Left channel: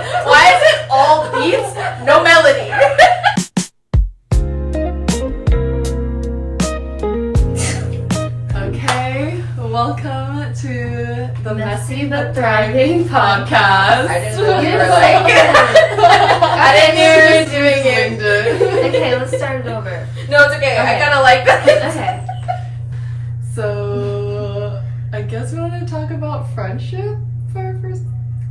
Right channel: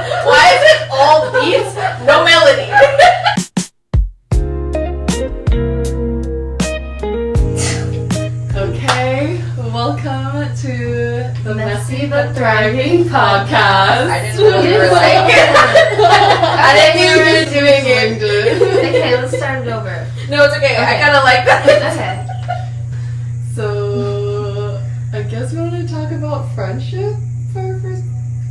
Why is it all beats, no melody? Okay, welcome to the Messy but Thriving podcast. I didn't know you were like. I didn't know you were doing it. Okay, let's start it over. No, it's okay. I kind of like that. Okay. So, I guess we want to talk about friendship for our first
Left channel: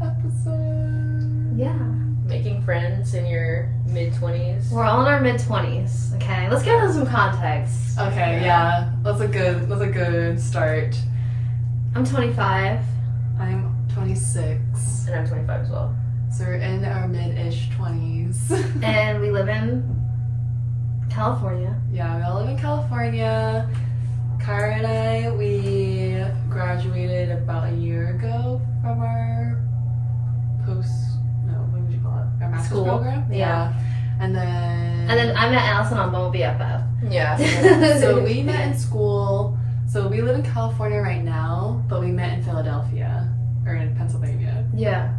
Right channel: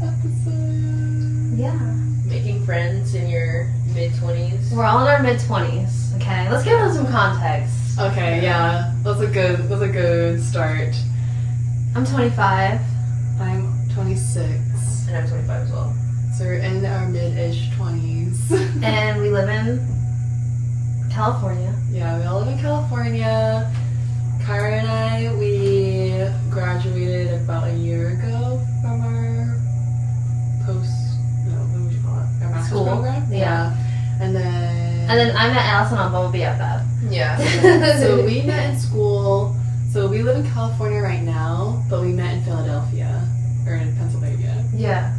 episode. Yeah. Making friends in your mid-20s. We're all in our mid-20s. Okay, let's give them some context. Okay, yeah, that's a good start. I'm 25. I'm 26, And I'm 25 as well. so we're in our mid-ish 20s. And we live in California. Yeah, we all live in California. Kara and I, we graduated about a year ago from our what would you call it? Our master's School. program? Yeah. And then I met Allison on Bumble BFF. Yeah. so we met in school. So we live in California right now, but we met in Philadelphia, or in Pennsylvania. Yeah.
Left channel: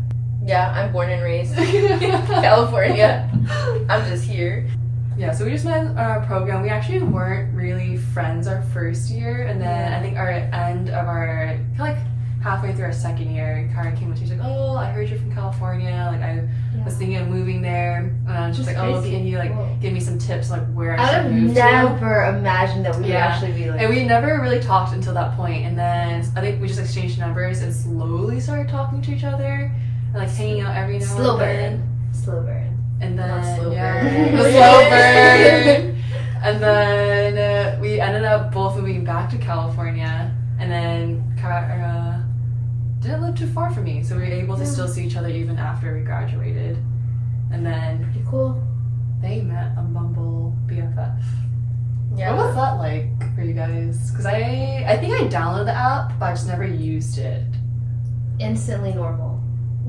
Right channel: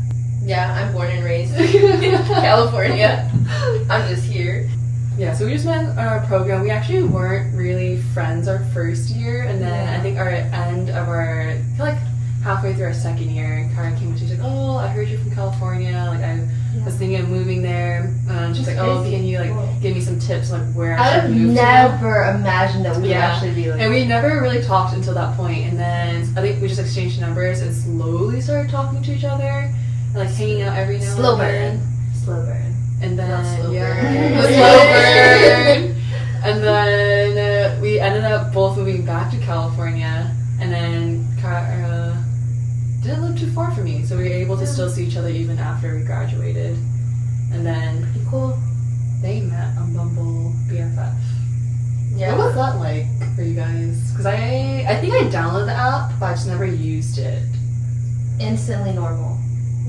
Yeah, I'm born and raised in California. I'm just here. Yeah, so we just met in our program. We actually weren't really friends our first year, and then I think our end of our, I feel like halfway through our second year, Kara came and she's like, "Oh, I heard you're from California. Like I was thinking of moving there." And she's like, "Oh, can you like give me some tips like where I I should would move to?" never imagine that we would Yeah. actually be like. And we never really talked until that point, and then I think we just exchanged numbers and slowly started talking to each other, and like hanging out every now Slow and burn. then. Slow burn. And then Not slow yeah, burn. slow burn. And then we ended up both moving back to California, and then Kara didn't live too far from me, so we were able to still see each other even after we graduated. And then Pretty cool. they met on Bumble BFF. Yeah. What was that like for you guys? Because I think I downloaded the app, but I just never used it. Instantly normal.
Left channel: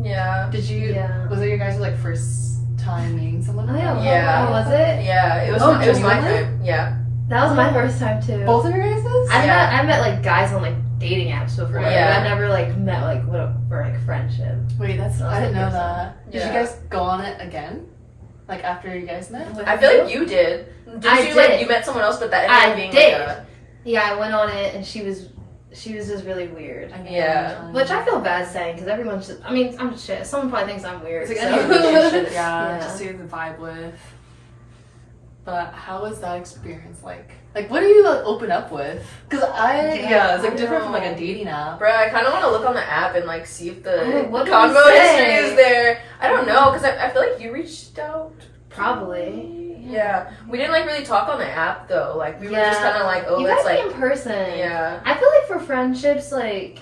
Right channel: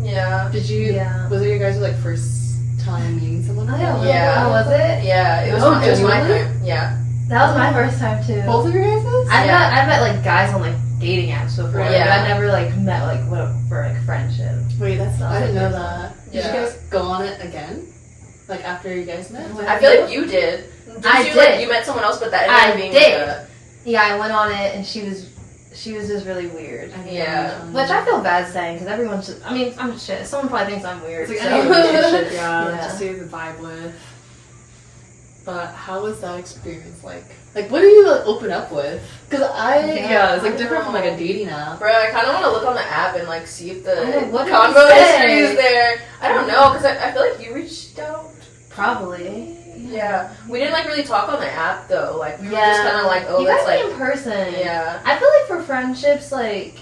Yeah. Did you? Yeah. Was it your guys' like first time meeting someone? Oh, yeah. Yeah. Oh, was it? Yeah, it was, Oh, it was my genuinely? time. Yeah. That was my first time too. Both of your guys'? I met like guys on like dating apps before, Yeah. but I never like met like for like friendship. Wait, I didn't know that. Did Yeah. you guys go on it again? Like after you guys met? I feel like you did. I you, did. Like, you met someone else, but that ended I up being did. like a... Yeah, I went on it and she was just really weird. I can Yeah. imagine. Which I feel bad saying because everyone's just. I mean, I'm just shit. Someone probably thinks I'm weird. It's like so. any relationship, Yeah. just to the vibe with. But how was that experience like? Like, what do you like, open up with? Because it's like different from like a dating app. Bro, I kind of want to look on the app and like see if the I know, what did convo it say? history is there. I don't know, because I feel like you reached out. Probably. Yeah. We didn't like really talk on the app though. Like we were Yeah. just kind of like, oh, You it's gotta like, be in person. yeah. I feel like for friendships, like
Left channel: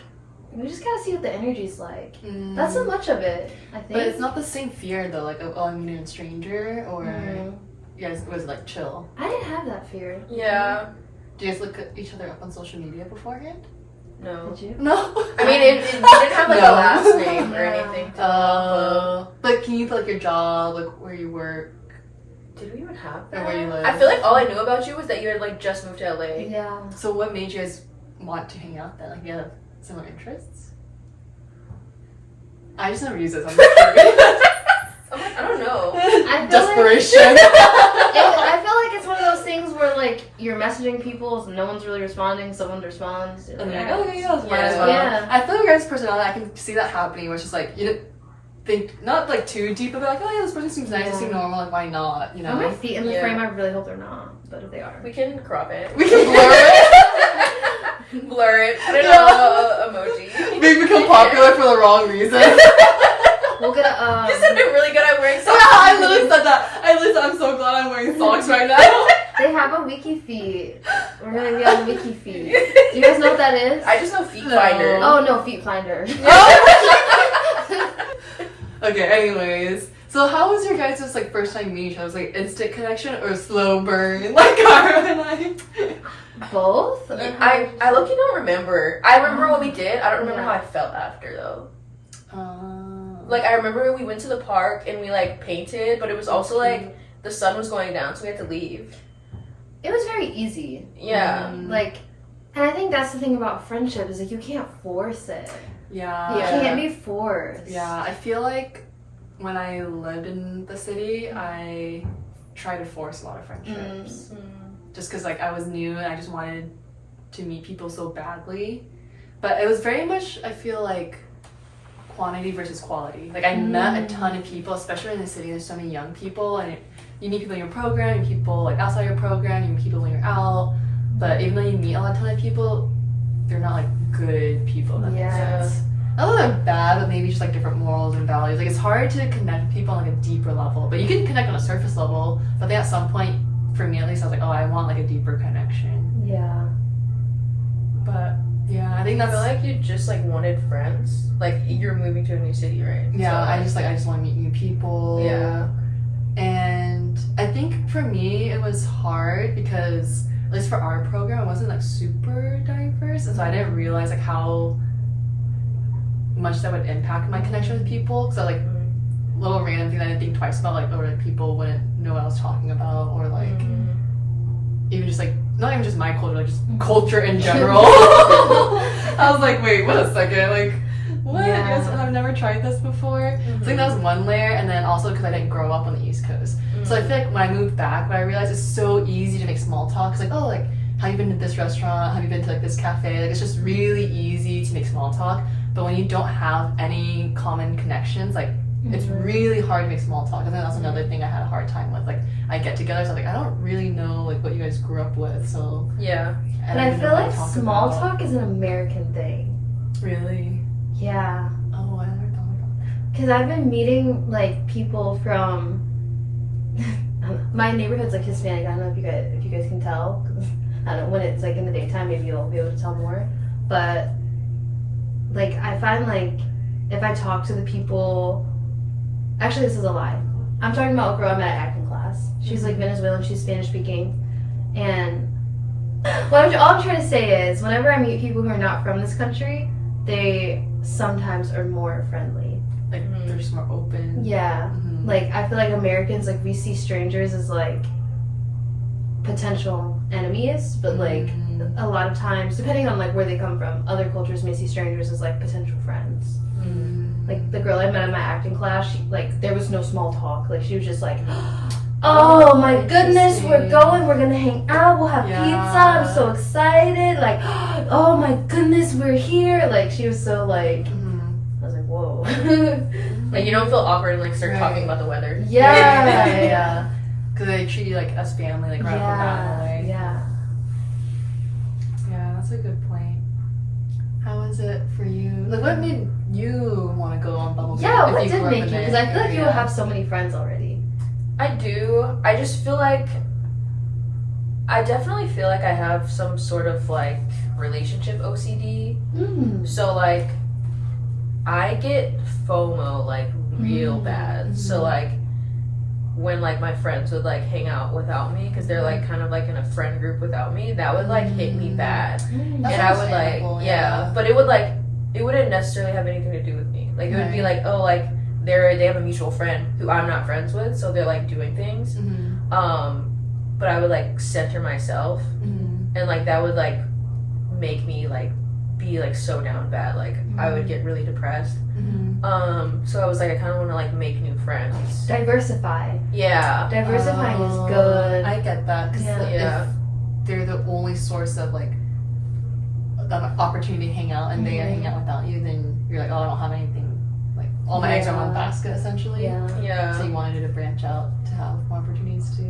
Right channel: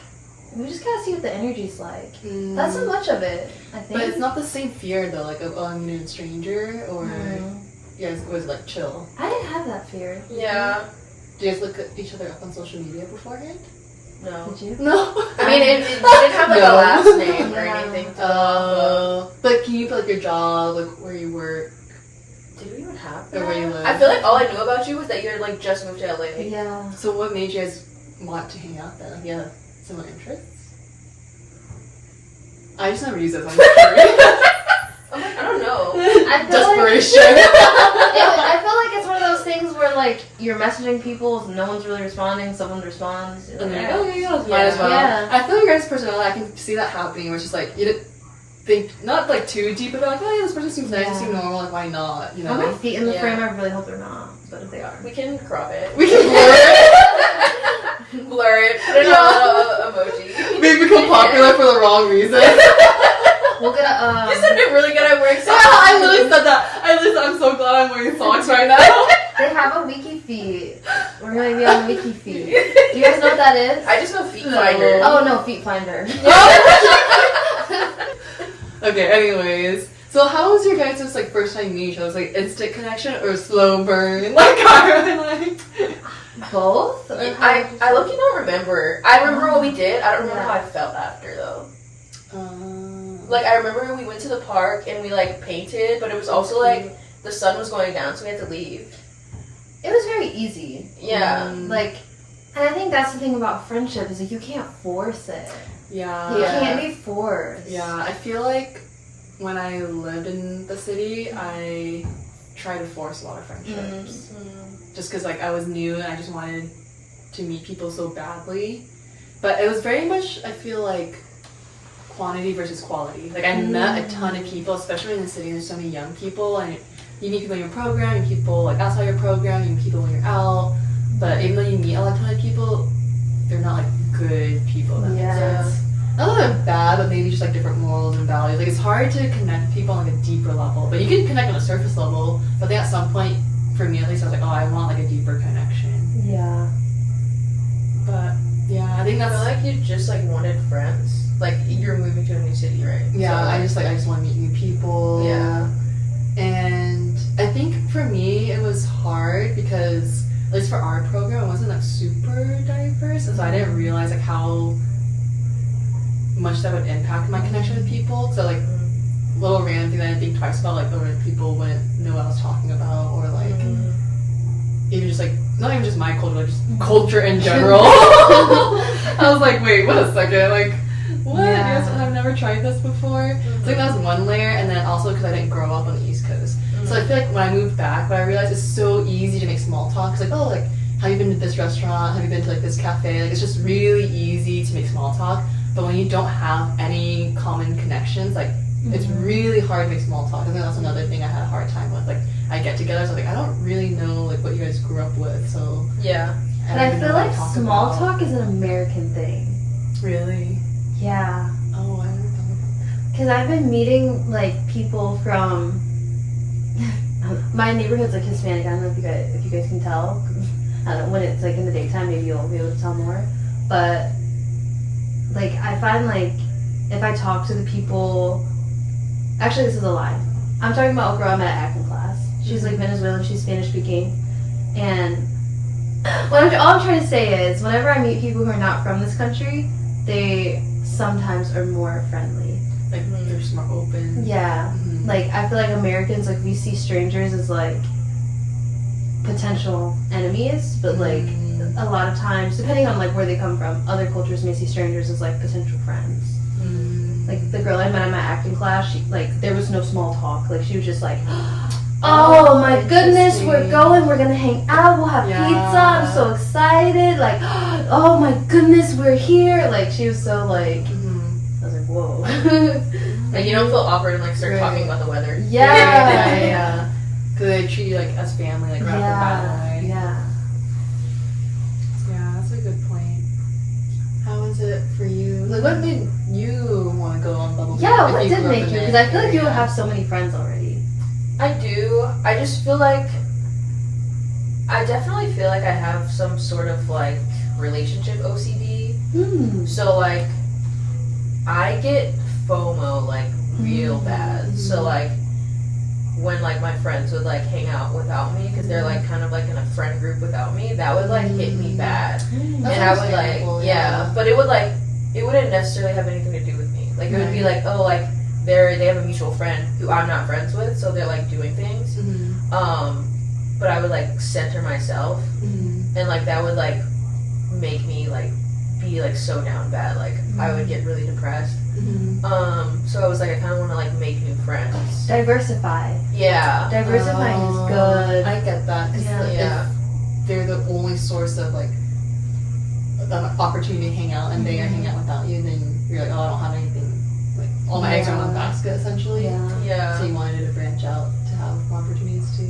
we just gotta see what the energy's like. That's so much of it. I think. But it's not the same fear though, like of, oh, I'm meeting a stranger, or Mhm. you guys was like chill. I didn't have that fear. Yeah. Do you guys look at each other up on social media beforehand? No. Did you? No. I mean, it didn't have like No. a last name or Yeah. anything to look But can you put like your job, like where you work, up. Did we even have or where you that? live? I feel like all I knew about you was that you had like just moved to LA. Yeah. So what made you guys want to hang out then? Like you had similar interests? I just never use it, so I'm just curious. I'm like, I don't know. I feel Desperation. I feel like it's one of those things where like you're messaging people, no one's really responding, someone responds. You're And like, they're like, okay, yeah, might Yeah. as well. Yeah. I feel like your guys' personality, I can see that happening, where it's just like, you didn't think, not like too deep about like, oh yeah, this person seems nice, Yeah. it seems normal, like why not, you Are my know? feet in the Yeah. frame? I really hope they're not, but if they are. We can crop it. We can blur it. Blur it. Put it on a emoji. We become popular for the wrong reason. We'll get a You said it really good at wearing Yeah, socks. I literally said that. I'm so glad I'm wearing socks right now. They have a wiki feed. We're gonna be on the wiki feed. Do you guys know what that is? I just know Feet No. Finder. Oh no, Feet Finder. Okay, anyways. So how was your guys' like first time meeting each other? Was it, like instant connection or slow burn? Like Kara and like Both? Or I low-key don't remember. I remember what we did. I don't remember how I felt after though. Like I remember we went to the park and we like painted, but it was also like the sun was going down, so we had to leave. It was very easy. Yeah. Like, and I think that's the thing about friendship is like you can't force it. Yeah. You Yeah. can't be forced. Yeah, I feel like when I lived in the city, I tried to force a lot of friendships. Just because like I was new and I just wanted to meet people so badly. But it was very much, I feel like, quantity versus quality. Like I met a ton of people, especially in the city. There's so many young people, and you meet people in your program, you meet people like outside your program, you meet people when you're out. But even though you meet a ton of people, they're not like good people. That makes sense. Not that they're bad, but maybe just like different morals and values. Like it's hard to connect with people on like a deeper level. But you can connect on a surface level. But I think at some point, for me at least, I was like, oh, I want like a deeper connection. Yeah. But yeah, I think that's. I feel like you just like wanted friends. Like you're moving to a new city, right? Yeah, so, I just want to meet new people. Yeah. And I think for me it was hard because at least for our program it wasn't like super diverse, and so I didn't realize like how much that would impact my connection with people. So like little random thing that I didn't think twice about, like people wouldn't know what I was talking about, or like even just like not even just my culture, like just culture in general. I was like, wait, wait a second, like what? Yeah. Yes, I've never tried this before. So I think that was one layer, and then also because I didn't grow up on the East Coast. So I feel like when I moved back, what I realized is so easy to make small talk. It's like, oh, like, have you been to this restaurant? Have you been to like this cafe? Like, it's just really easy to make small talk. But when you don't have any common connections, like, it's really hard to make small talk. I think that's another thing I had a hard time with. Like, I get together, so I'm like, I don't really know like what you guys grew up with, so yeah. But I feel like small talk is an American thing. Really? Yeah. Oh, I never thought about that. Because I've been meeting like people from my neighborhood's like Hispanic. I don't know if you guys can tell. I don't know, when it's like in the daytime, maybe you'll be able to tell more. But like I find like if I talk to the people, actually this is a lie. I'm talking about a girl I met at acting class. She's like Venezuelan. She's Spanish speaking, and all I'm trying to say is whenever I meet people who are not from this country, they sometimes are more friendly. Like they're just more open. Yeah. Like I feel like Americans, like we see strangers as like potential enemies, but like a lot of times, depending on like where they come from, other cultures may see strangers as like potential friends. Like the girl I met in my acting class, she like there was no small talk. Like she was just like, oh my goodness, we're going, we're gonna hang out, we'll have pizza, I'm so excited. Like, oh my goodness, we're here. Like she was so like, I was like, whoa. Like you don't feel awkward and like start talking about the weather. Yeah. Because they treat you like as family, like right off the bat. Like. Yeah. Yeah, that's a good point. How was it for you? Like, what made you want to go on Bumble BFF? Yeah, what did make you? Because I feel like you will have so many friends already. I do. I just feel like I definitely feel like I have some sort of like relationship OCD. So like I get FOMO like real bad. So like when like my friends would like hang out without me because they're like kind of like in a friend group without me, that would like hit me bad. And I would like but it wouldn't necessarily have anything to do with me. Like it would be like, oh, like they have a mutual friend who I'm not friends with, so they're like doing things. But I would like center myself, and like that would like make me like be like so down bad. Like I would get really depressed. So I was like, I kind of want to like make new friends. Diversify. Yeah. Diversifying is good. I get that. If they're the only source of like the opportunity to hang out, and they are hanging out without you, then you're like, oh, I don't have anything. Like all my eggs are in one basket, essentially. Yeah. So you wanted to branch out to have more opportunities to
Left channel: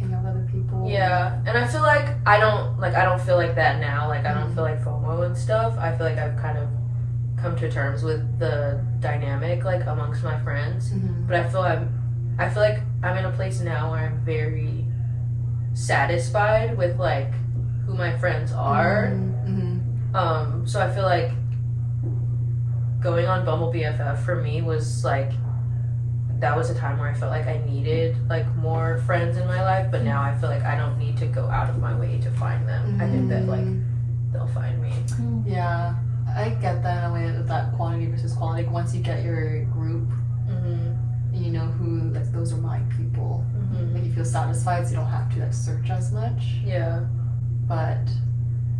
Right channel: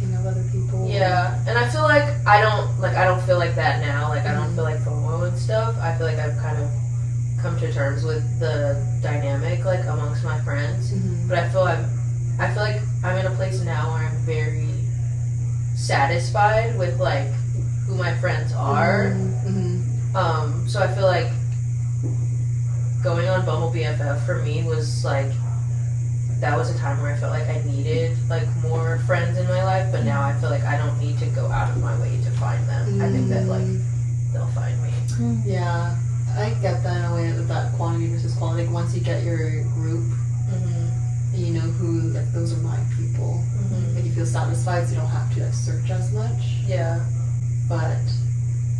hang out with other people. Yeah, and I feel like I don't feel like that now. Like I don't feel like FOMO and stuff. I feel like I've kind of come to terms with the dynamic like amongst my friends. But I feel like I'm in a place now where I'm very satisfied with like who my friends are. So I feel like going on Bumble BFF for me was like that was a time where I felt like I needed like more friends in my life, but now I feel like I don't need to go out of my way to find them. I think that like they'll find me. Yeah, I get that in a way, that quantity versus quality. Like once you get your group, you know who, like those are my people. Like you feel satisfied, so you don't have to like search as much. Yeah. But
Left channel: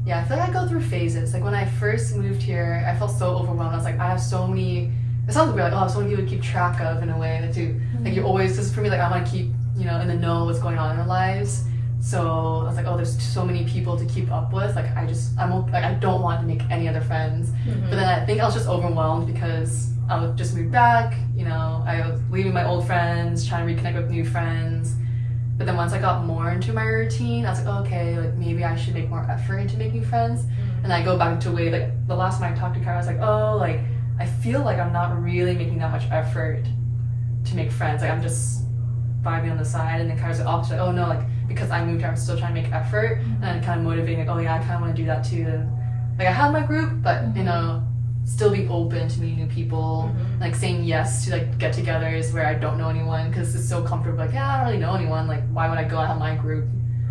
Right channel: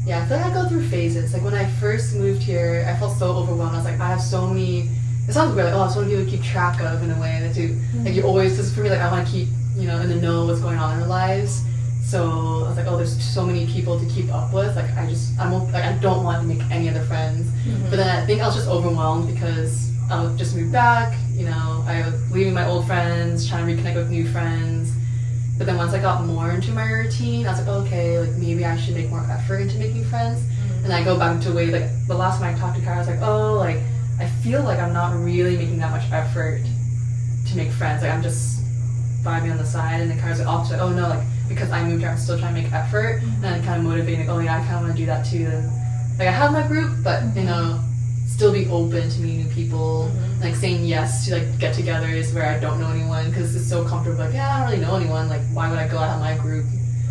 yeah, I feel like I go through phases. Like when I first moved here, I felt so overwhelmed. I was like, I have so many it sounds weird, like, oh, someone people keep track of in a way that you, like, you always, because for me, like, I want to keep, you know, in the know what's going on in our lives. So I was like, oh, there's so many people to keep up with. Like, I don't want to make any other friends. But then I think I was just overwhelmed because I was just moved back. You know, I was leaving my old friends, trying to reconnect with new friends. But then once I got more into my routine, I was like, oh, okay, like maybe I should make more effort into making friends. And I go back to way, like, the last time I talked to Kara, I was like, oh, like, I feel like I'm not really making that much effort to make friends. Like, I'm just vibing on the side. And then Kara's like, opposite, oh no, like, because I moved here, I'm still trying to make effort, and then kind of motivating, like, oh yeah, I kind of want to do that too. Then, like, I have my group, but you know, still be open to meeting new people, like saying yes to like get-togethers where I don't know anyone, because it's so comfortable. Like, yeah, I don't really know anyone. Like, why would I go out of my group?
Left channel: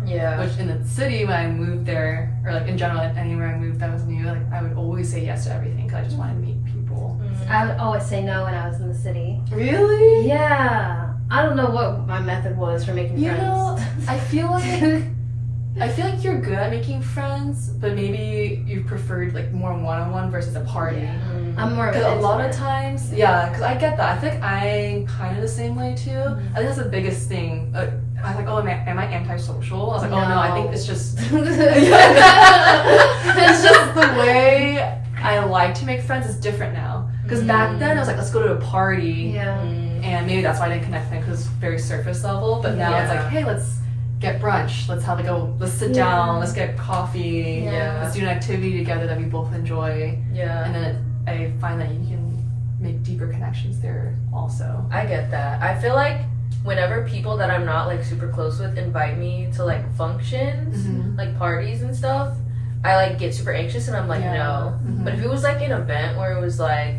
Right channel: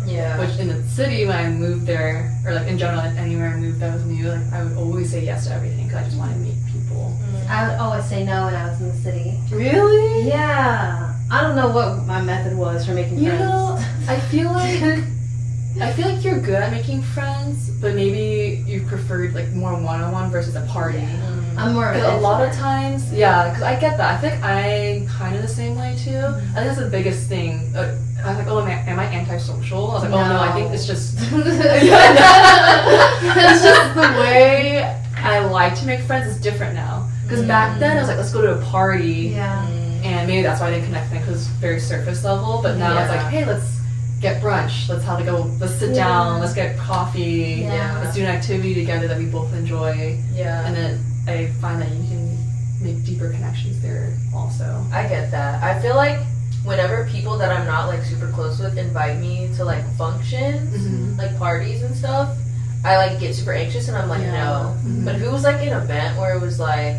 Yeah. Which in the city, when I moved there, or like in general, anywhere I moved that was new, like I would always say yes to everything because I just wanted to meet people. I would always say no when I was in the city. Really? Yeah. I don't know what my method was for making friends. You know, I feel like you're good at making friends, but maybe you preferred like more one-on-one versus a party. I'm more of Because an a lot of introvert. times, yeah, because I get that. I think I'm kind of the same way too. I think that's the biggest thing. I was like, oh, am I antisocial? I was like, oh no, I think it's just it's just the way I like to make friends is different now. Because back then I was like, let's go to a party. Yeah. And maybe that's why I didn't connect them, because it's very surface level. But now it's like, hey, let's get brunch. Let's have let's sit down. Let's get coffee. Yeah. Let's do an activity together that we both enjoy. Yeah. And then I find that you can make deeper connections there also. I get that. I feel like whenever people that I'm not like super close with invite me to like functions, like parties and stuff, I like get super anxious and I'm like, no. But if it was like an event where it was like,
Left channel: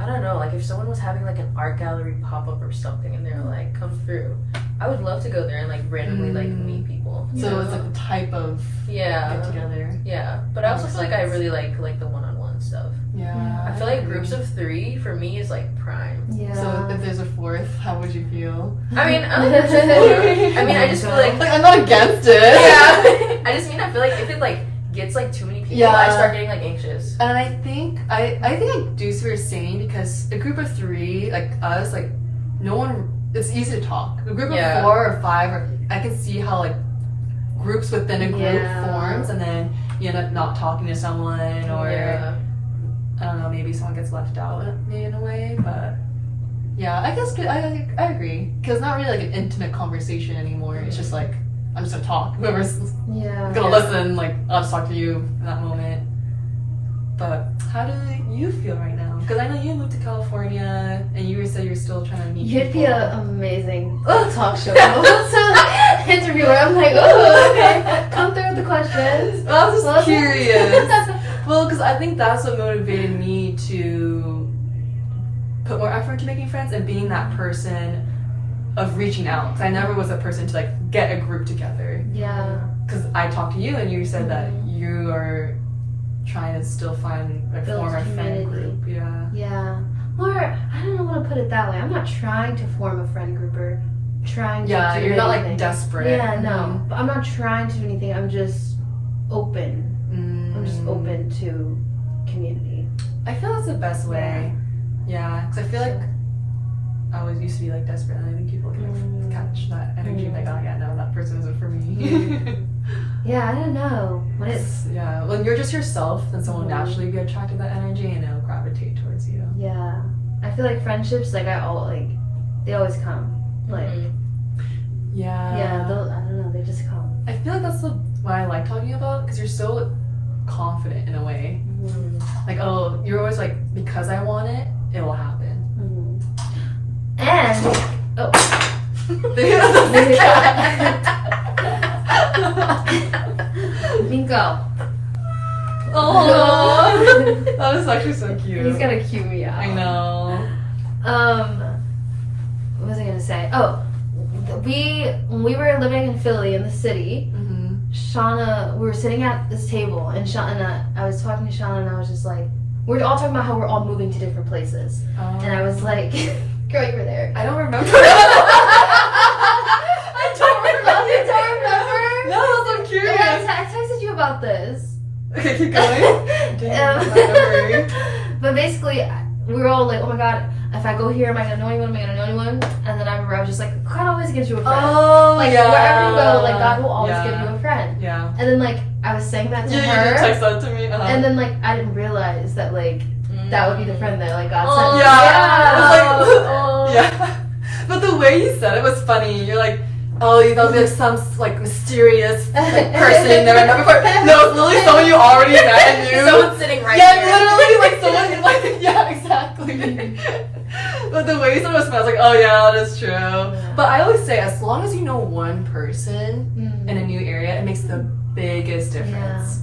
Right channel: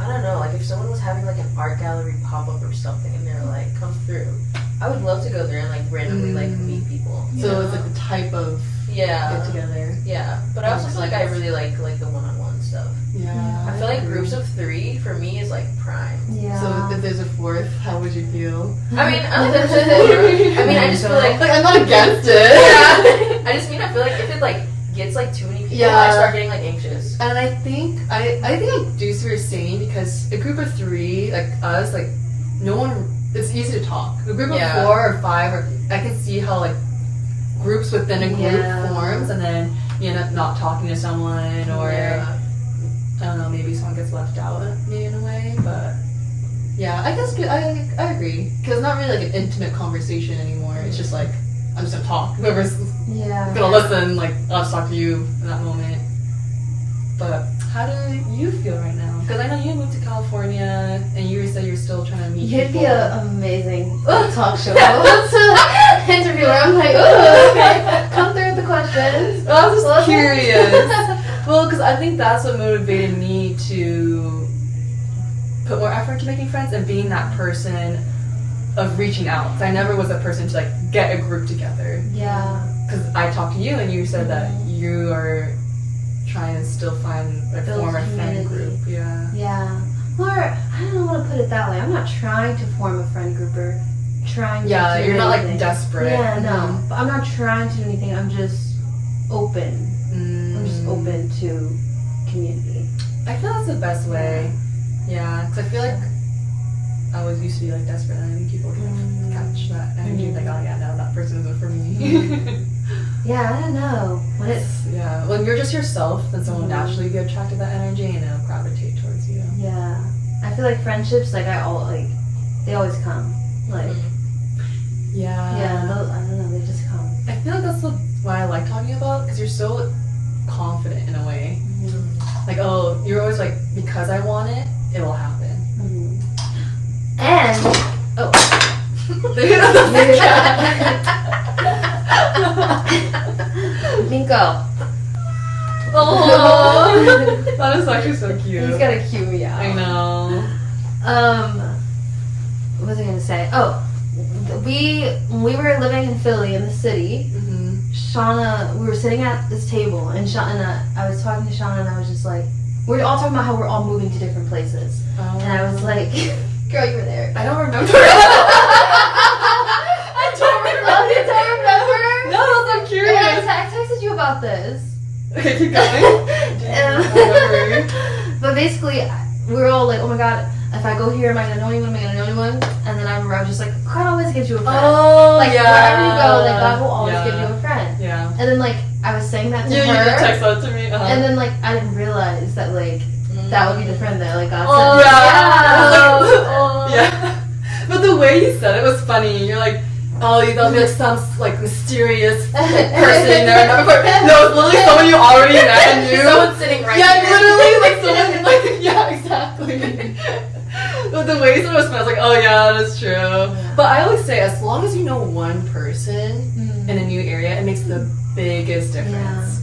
I don't know, like if someone was having like an art gallery pop-up or something and they're like, come through, I would love to go there and like randomly like meet people. So it's like the type of get together. Yeah. But I also feel like I really like the one-on-one stuff. Yeah. I feel like groups of 3 for me is like prime. Yeah. So if there's a 4th, how would you feel? I mean, I like groups of 4. I mean, I just feel like I'm not against it. yeah. I just mean I feel like if it like gets like too many people, I start getting like anxious. And I think I do see what you're saying, because a group of 3, like us, like no one, it's easy to talk. A group of 4 or 5, or I can see how like groups within a group forms, and then you end up not talking to someone, or I don't know, maybe someone gets left out in a way. But yeah, I guess I agree, because it's not really like an intimate conversation anymore. It's just like, I'm just gonna talk. Whoever's gonna listen, like, I'll just talk to you in that moment. But how do you feel right now? Because I know you moved to California, and you said you're still trying to meet You'd people. be an amazing talk show interviewer. I'm like, oh, okay, come through with the questions. Well, I was just curious. Well, because I think that's what motivated me to put more effort into making friends and being that person of reaching out. 'Cause I never was a person to like get a group together. Yeah. Because I talked to you and you said that you are trying to still find a form a friend group. Yeah. Yeah. Or I don't want to put it that way. I'm not trying to form a friend group or trying to do you're not anything. like desperate. Yeah, no. But I'm not trying to do anything. I'm just open. I'm just open to community. I feel that's the best way. Yeah, because I feel like I always used to be like desperate, and I think people can like catch that energy, like, oh yeah, no, that person isn't for me. Yeah, I don't know. When you're just yourself, then someone will naturally be attracted to that energy and it'll gravitate towards you. Yeah. I feel like friendships, like they always come. Like, I don't know, they just come. I feel like that's why I like talking about, because you're so confident in a way. Like, oh, you're always like, because I want it, it will happen. And Nico. Oh, that was actually so cute. He's gotta cue me out. I know. What was I gonna say? Oh, when we were living in Philly in the city, Shauna, we were sitting at this table, and I was talking to Shauna, and I was just like, we were all talking about how we're all moving to different places, and I was like, girl, you were there. I don't remember. I don't remember. You don't remember? No, I'm curious. I texted you about this. Okay, keep going. But basically, we were all like, oh god, if I go here, am I gonna know anyone? And then I remember I was just like, God always gives you a friend. Oh, like wherever you go, like God will always give you a friend. Yeah. And then like I was saying that to her. You did text that to me. And then like I didn't realize that like that would be the friend that like God Oh, sent. Yeah. But the way you said it was funny. You're like, oh, you thought it'd be like some like mysterious like person you never met before. No, it's literally someone you already met and knew. Someone sitting right yeah, here. literally like someone like yeah, exactly. But the way you said it was funny, I was like, oh yeah, that's true. Yeah. But I always say, as long as you know one person in a new area, it makes the biggest difference.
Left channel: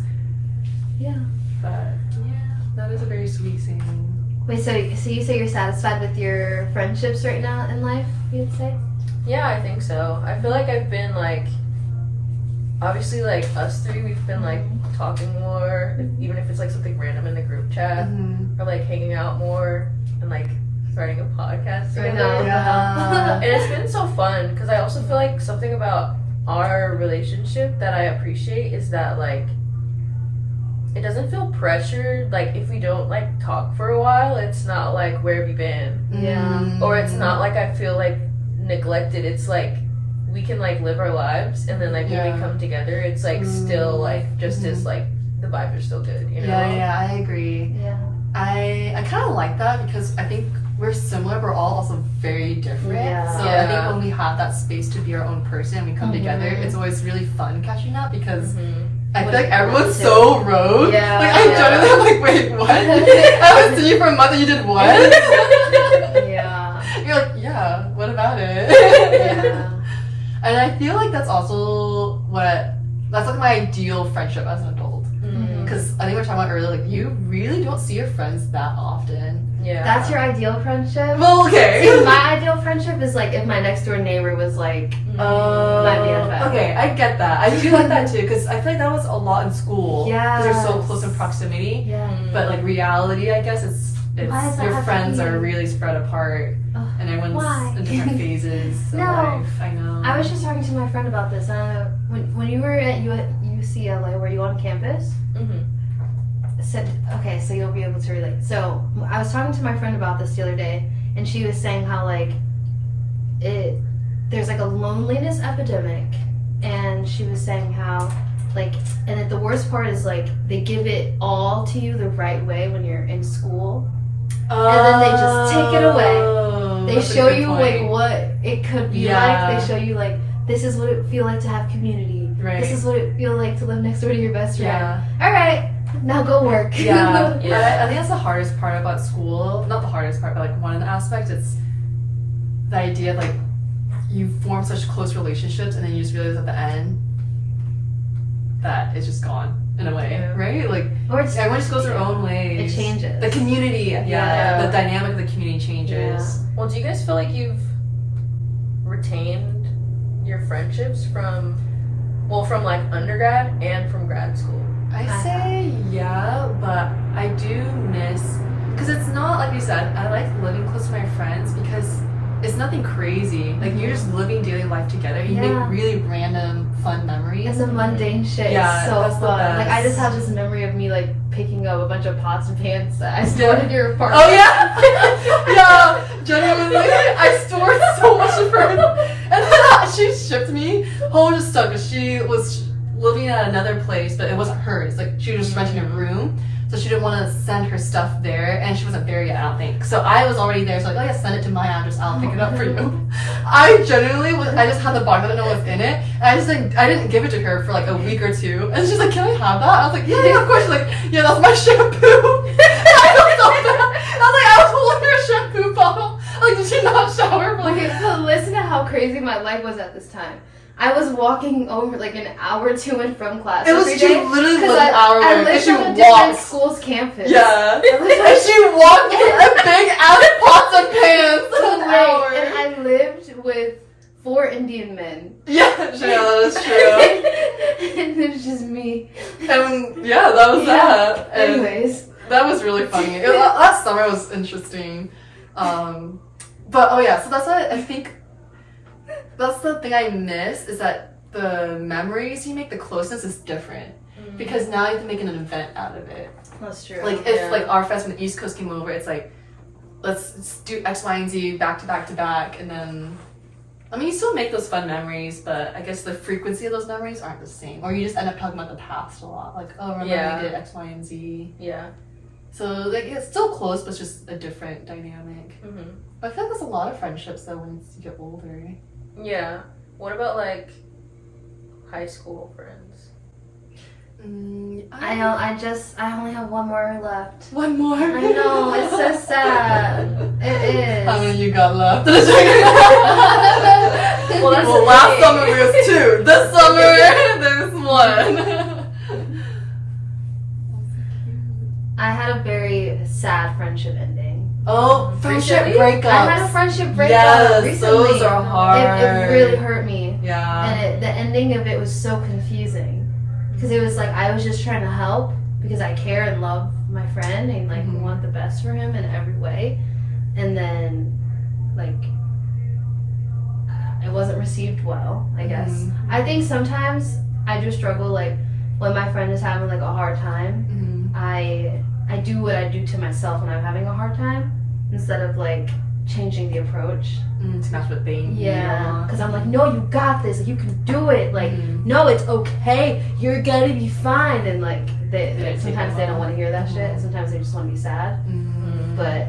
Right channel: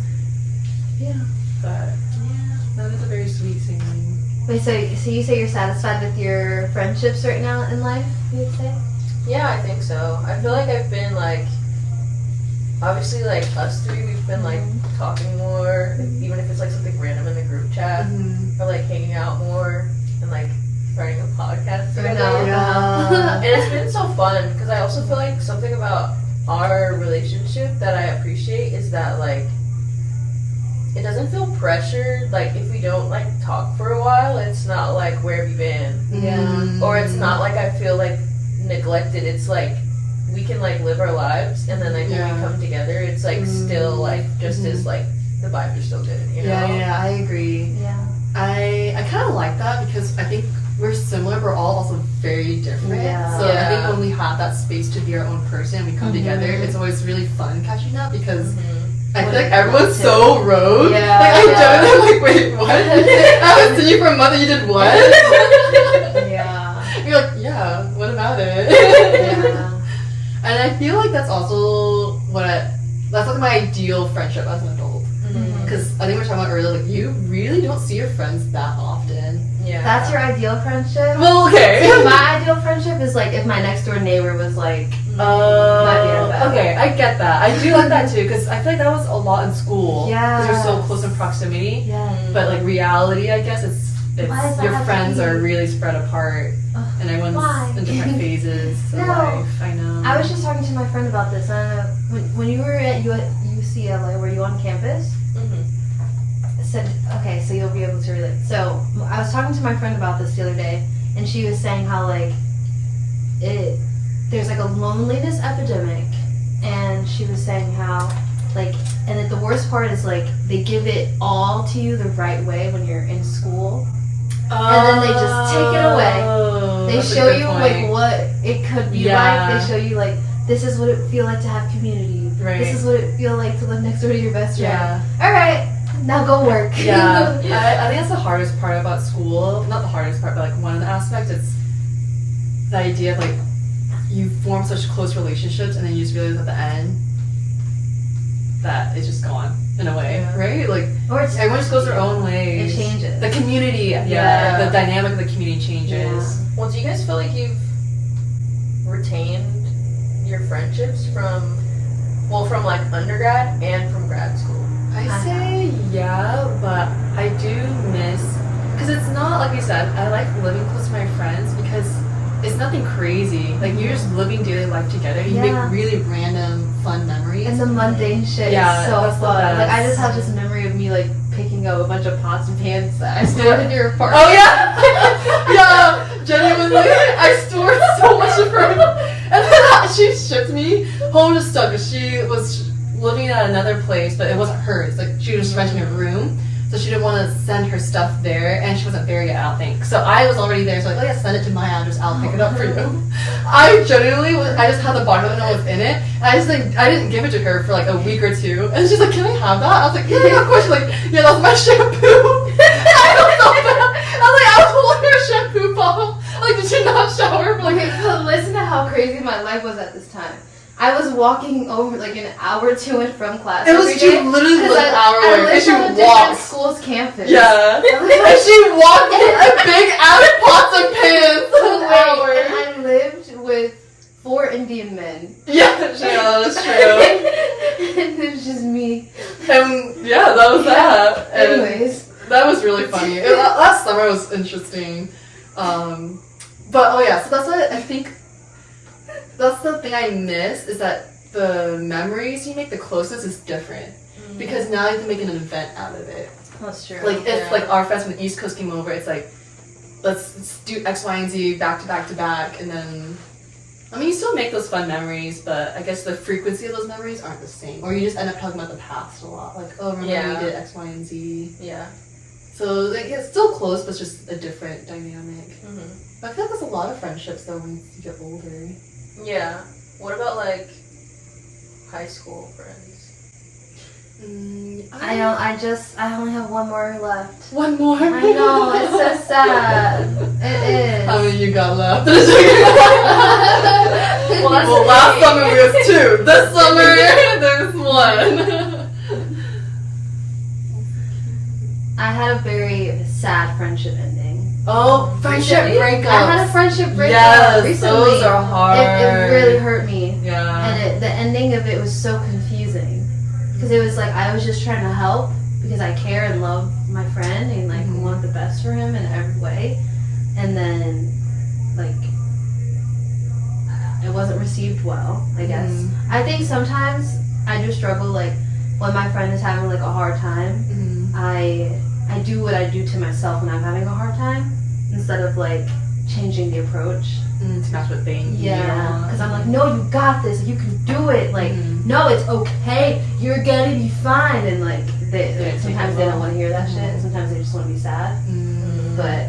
Yeah. But yeah, that was a very sweet saying. Wait, so you say you're satisfied with your friendships right now in life? You'd say? Yeah, I think so. I feel like I've been like, obviously like us three, we've been like talking more, even if it's like something random in the group chat, or like hanging out more and like starting a podcast together. Yeah. And it's been so fun because I also feel like something about our relationship that I appreciate is that like it doesn't feel pressured. Like if we don't like talk for a while, it's not like where have you been? Yeah. Or it's not like I feel like neglected. It's like we can like live our lives and then like when we come together it's like still like just as like the vibes are still good, you know? Yeah, I agree. Yeah. I kind of like that because I think we're similar, but we're all also very different. Yeah. So I think when we have that space to be our own person and we come together, it's always really fun catching up because I feel like everyone's so rogue. Yeah. Like I generally am like, wait, what? I haven't seen you for a month and you did what? Yeah. You're like, yeah, what about it? Yeah. And I feel like that's also that's like my ideal friendship as an adult. Because I think we were talking about earlier, like you really don't see your friends that often. Yeah. That's your ideal friendship? Well, okay. See, my ideal friendship is like if my next door neighbor was like okay, I get that. I do like that too because I feel like that was a lot in school. Yeah. Because they're so close in proximity. Yeah. But like reality, I guess Why does it's that your have to friends be? are really spread apart and everyone's Why? in different phases of No. life. I know. I was just talking to my friend about this. When you were at UCLA, were you on campus? Okay, so you'll be able to relate. So I was talking to my friend about this the other day, and she was saying how like there's like a loneliness epidemic, and she was saying how like, and that the worst part is like they give it all to you the right way when you're in school, and then they just take it away. They show you like what it could be like. They show you like this is what it feel like to have community. Right. This is what it feel like to live next door to your best friend. Yeah. All right. Now go work. Yeah. I think that's the hardest part about school. Not the hardest part, but like one of the aspects. It's the idea of like you form such close relationships and then you just realize at the end that it's just gone in a way, right? Like Or it's, everyone just goes their own ways. it changes. The community, the dynamic of the community changes. Yeah. Well, do you guys feel like you've retained your friendships from like undergrad and from grad school? I say yeah, but I do miss, because it's not like you said, I like living close to my friends because it's nothing crazy. Like you're just living daily life together. You make really random fun memories. And the mundane shit is so fun. Like I just have this memory of me like picking up a bunch of pots and pans that I stored in your apartment. Oh yeah, yeah. Genuinely, I stored so much of her, and then she shipped me home just stuff because she was living at another place, but it wasn't hers. Like she was renting a room, so she didn't want to send her stuff there, and she wasn't there yet, I don't think. So I was already there, so like, oh yeah, send it to my address. I'll pick it up for you. I genuinely I just had the bottle and know what's in it. And I just like I didn't give it to her for like a week or two, and she's like, "Can I have that?" I was like, "Yeah, of course." She's like, "Yeah, that's my shampoo." I was so bad. I was holding her shampoo bottle. Like, did she not shower? Okay, but listen to how crazy my life was at this time. I was walking over like an hour to and from class. It was every day, literally an hour I away, and lived she on a different walked. school's campus. Yeah, and she walked a big ass pots and pans for an hour. And I lived with 4 Indian men. Yeah, that's true. And it was just me. And yeah, that was that. And anyways. that was really funny. Last summer was interesting. But oh yeah, so that's what I think. That's the thing I miss is that the memories you make, the closeness is different because now you have to make an event out of it. That's true. Like if like our friends from the East Coast came over, it's like let's do X, Y, and Z back to back to back, and then I mean you still make those fun memories, but I guess the frequency of those memories aren't the same, or you just end up talking about the past a lot, like oh remember when we did X, Y, and Z. Yeah. So like it's still close, but it's just a different dynamic. Mm-hmm. I feel like there's a lot of friendships though when you get older. Yeah. What about like high school friends? I know. I only have one more left. One more. I know. It's so sad. It is. How many you got left? Well, that's well, the last thing. summer we was 2. This summer there's 1. I had a very sad friendship ending. Oh, friendship breakups. I had a friendship breakup Yes, recently. those are hard. It really hurt me. Yeah. And the ending of it was so confusing. Because it was like I was just trying to help because I care and love my friend and like want the best for him in every way. And then like it wasn't received well, I guess. I think sometimes I do struggle like when my friend is having like a hard time. I do what I do to myself when I'm having a hard time instead of like changing the approach. To match what they need. Yeah, because I'm like, no, you got this. You can do it. Like, no, it's okay. You're gonna be fine. And like, sometimes they don't want to hear that shit. And sometimes they just want to be sad. But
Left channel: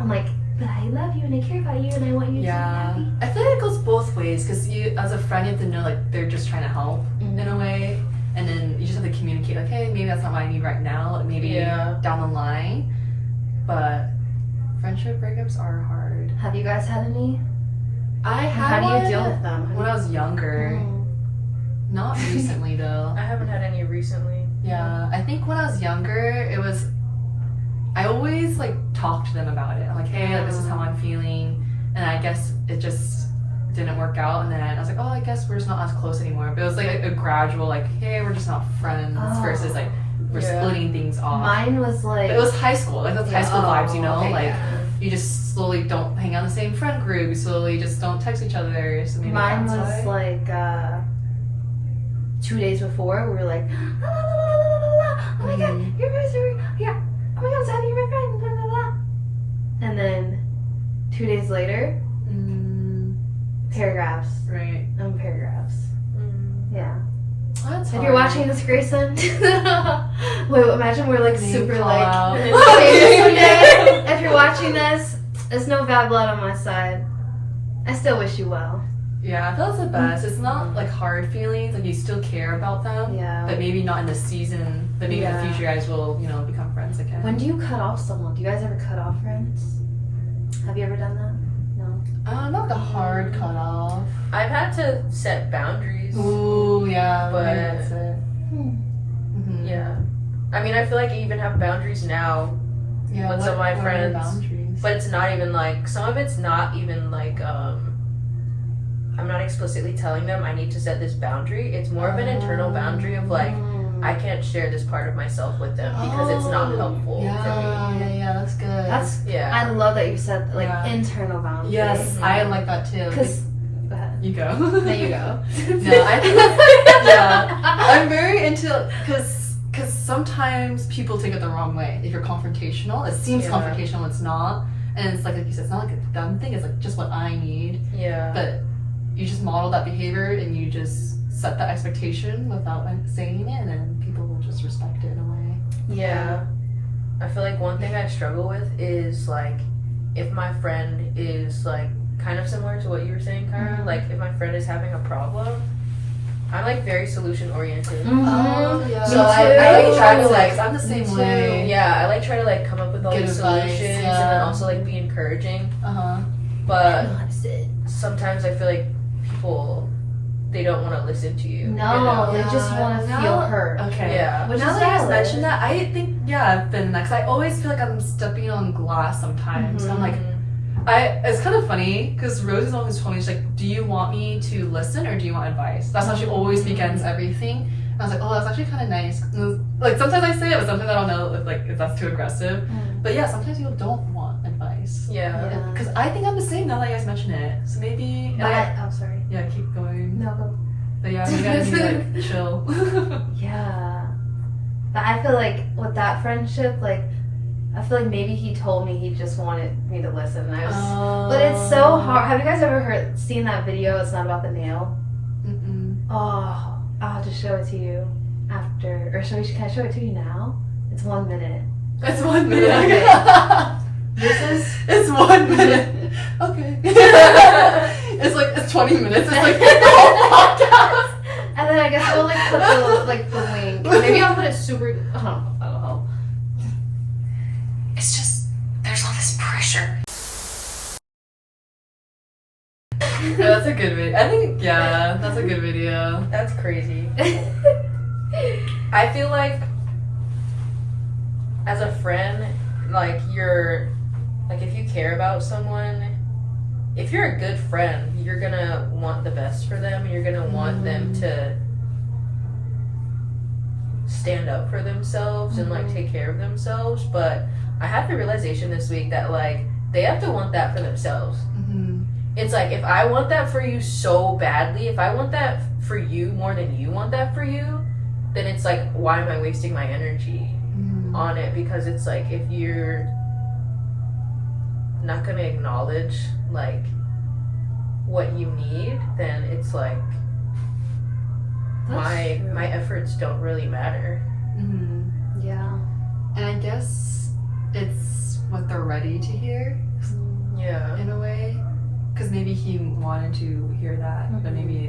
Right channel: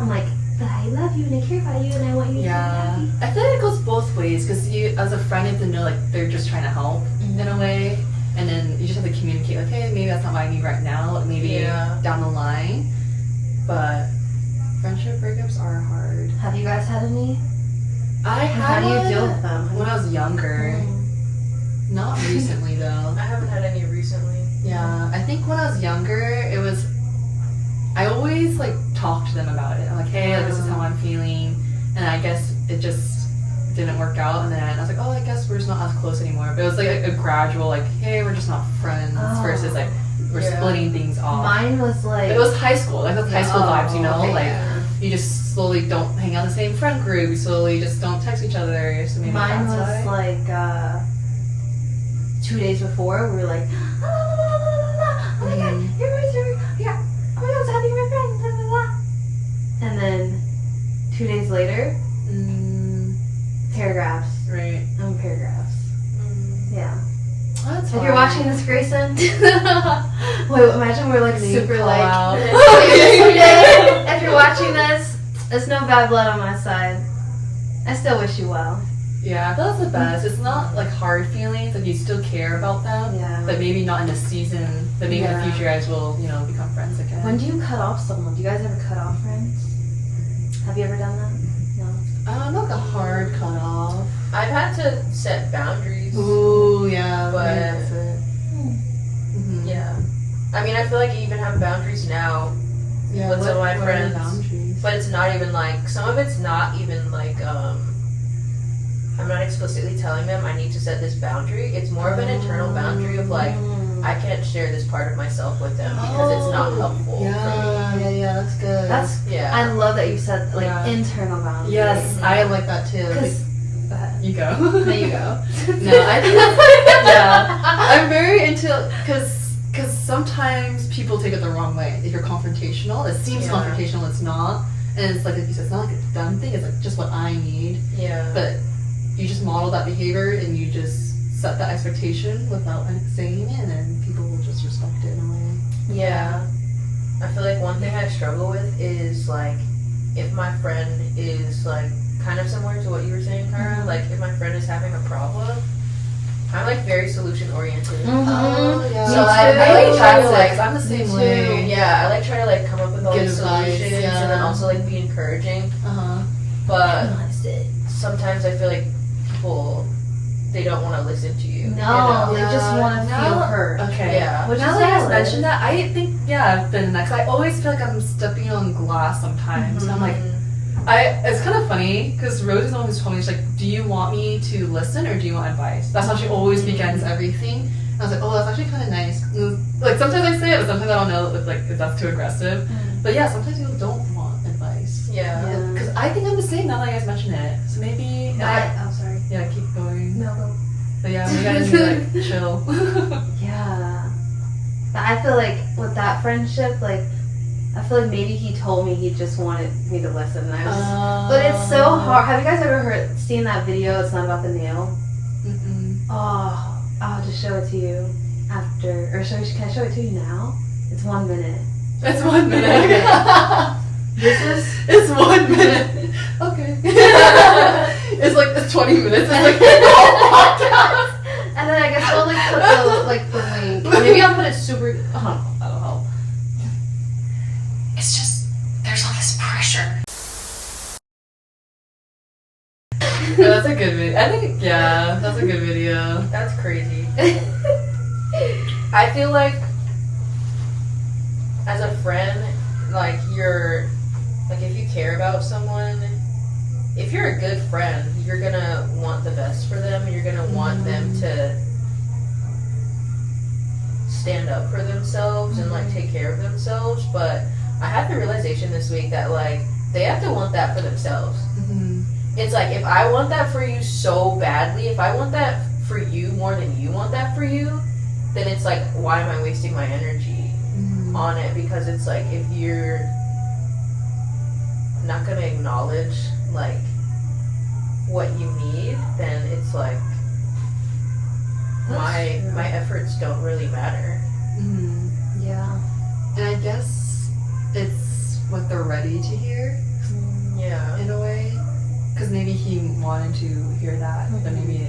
I'm like, but I love you and I care about you and I want you to be happy. I feel like it goes both ways because you, as a friend, you have to know like they're just trying to help in a way, and then you just have to communicate like, hey, maybe that's not what I need right now. Maybe down the line. But friendship breakups are hard. Have you guys had any? I had How do you one deal with them? when I was younger. Not recently though. I haven't had any recently. Yeah, I think when I was younger, it was. I always like talk to them about it. I'm like, hey, like, this is how I'm feeling, and I guess it just didn't work out. And then I was like, oh, I guess we're just not as close anymore. But it was like a gradual, like, hey, we're just not friends, versus like we're splitting things off. Mine was like. But it was high school, like those high school vibes, you know, okay, like you just slowly don't hang out in the same friend group. You slowly just don't text each other. So maybe Mine that's was why. like 2 days before we were like, oh my god, you're my story. Yeah, oh my god, I'm so happy you're my friend. Blah, blah, blah. And then 2 days later, paragraphs. Right. Paragraphs. Yeah. Oh, that's If you're hard. watching this, Grayson, wait, imagine we're like super call like. out. If you're watching this, there's no bad blood on my side. I still wish you well. Yeah, that's the best. It's not like hard feelings, like you still care about them, but maybe not in this season, but maybe in the future you guys will, you know, become friends again. When do you cut off someone? Do you guys ever cut off friends? Have you ever done that? No. Not like a hard cutoff. I've had to set boundaries. Ooh, yeah. But that's it. Yeah. I mean, I feel like I even have boundaries now with some of my friends. Boundaries? But it's not even like, some of it's not even like, I'm not explicitly telling them I need to set this boundary. It's more of an internal boundary of like, I can't share this part of myself with them because it's not helpful for me. Yeah, that's good. I love that you said like internal boundaries. Yes, I like that too. Because go ahead. You go. No, you go. No, I think I'm very into because sometimes people take it the wrong way. If you're confrontational, it seems confrontational, it's not, and it's like you said, it's not like a done thing. It's like just what I need. Yeah. But you just model that behavior and you just set that expectation without saying it, and then people will just respect it in a way. Yeah. I feel like one thing I struggle with is like if my friend is like kind of similar to what you were saying, Kara, like if my friend is having a problem, I'm like very solution oriented. Oh, yeah. So I like try to like, I'm the same way. Yeah, I like try to like come up with all Good these advice, solutions and then also like be encouraging. But sometimes I feel like people, they don't want to listen to you. No, they just want to feel heard. Okay. Yeah. Which Now is that you valid. mentioned that, I think I've been that. 'Cause I always feel like I'm stepping on glass sometimes. And I'm like, it's kind of funny because Rosie's the one who's told me, she's like, do you want me to listen or do you want advice? That's how she always begins everything. And I was like, oh, that's actually kind of nice. And, like sometimes I say it, but sometimes I don't know if that's too aggressive. But yeah, sometimes people don't want advice. Yeah. Because I think I'm the same now that you guys mention it. So maybe I'm sorry. yeah, keep going. No. But yeah, we gotta be like chill. Yeah. But I feel like with that friendship, like I feel like maybe he told me he just wanted me to listen. And I was, but it's so hard. Have you guys ever seen that video? It's not about the nail. Mm-mm. Oh, I'll just show it to you after. Or can I show it to you now? It's 1 minute. It's 1 minute. It's 1 minute. Okay. It's 20 minutes. It's like the whole podcast. And then I guess I'll put the link. Maybe I'll put it super. That'll help. It's just, there's all this pressure. Yeah, that's a good video. I think, yeah, that's a good video. That's crazy. I feel like as a friend, like if you care about someone, if you're a good friend, you're gonna want the best for them, and you're gonna want them to stand up for themselves and like take care of themselves. But I had the realization this week that like they have to want that for themselves. It's like, if I want that for you so badly, if I want that for you more than you want that for you, then it's like, why am I wasting my energy on it? Because it's like, if you're not gonna acknowledge like what you need, then it's like my efforts don't really matter. Yeah. And I guess it's what they're ready to hear. Yeah. In a way. Because maybe he wanted to hear that, but maybe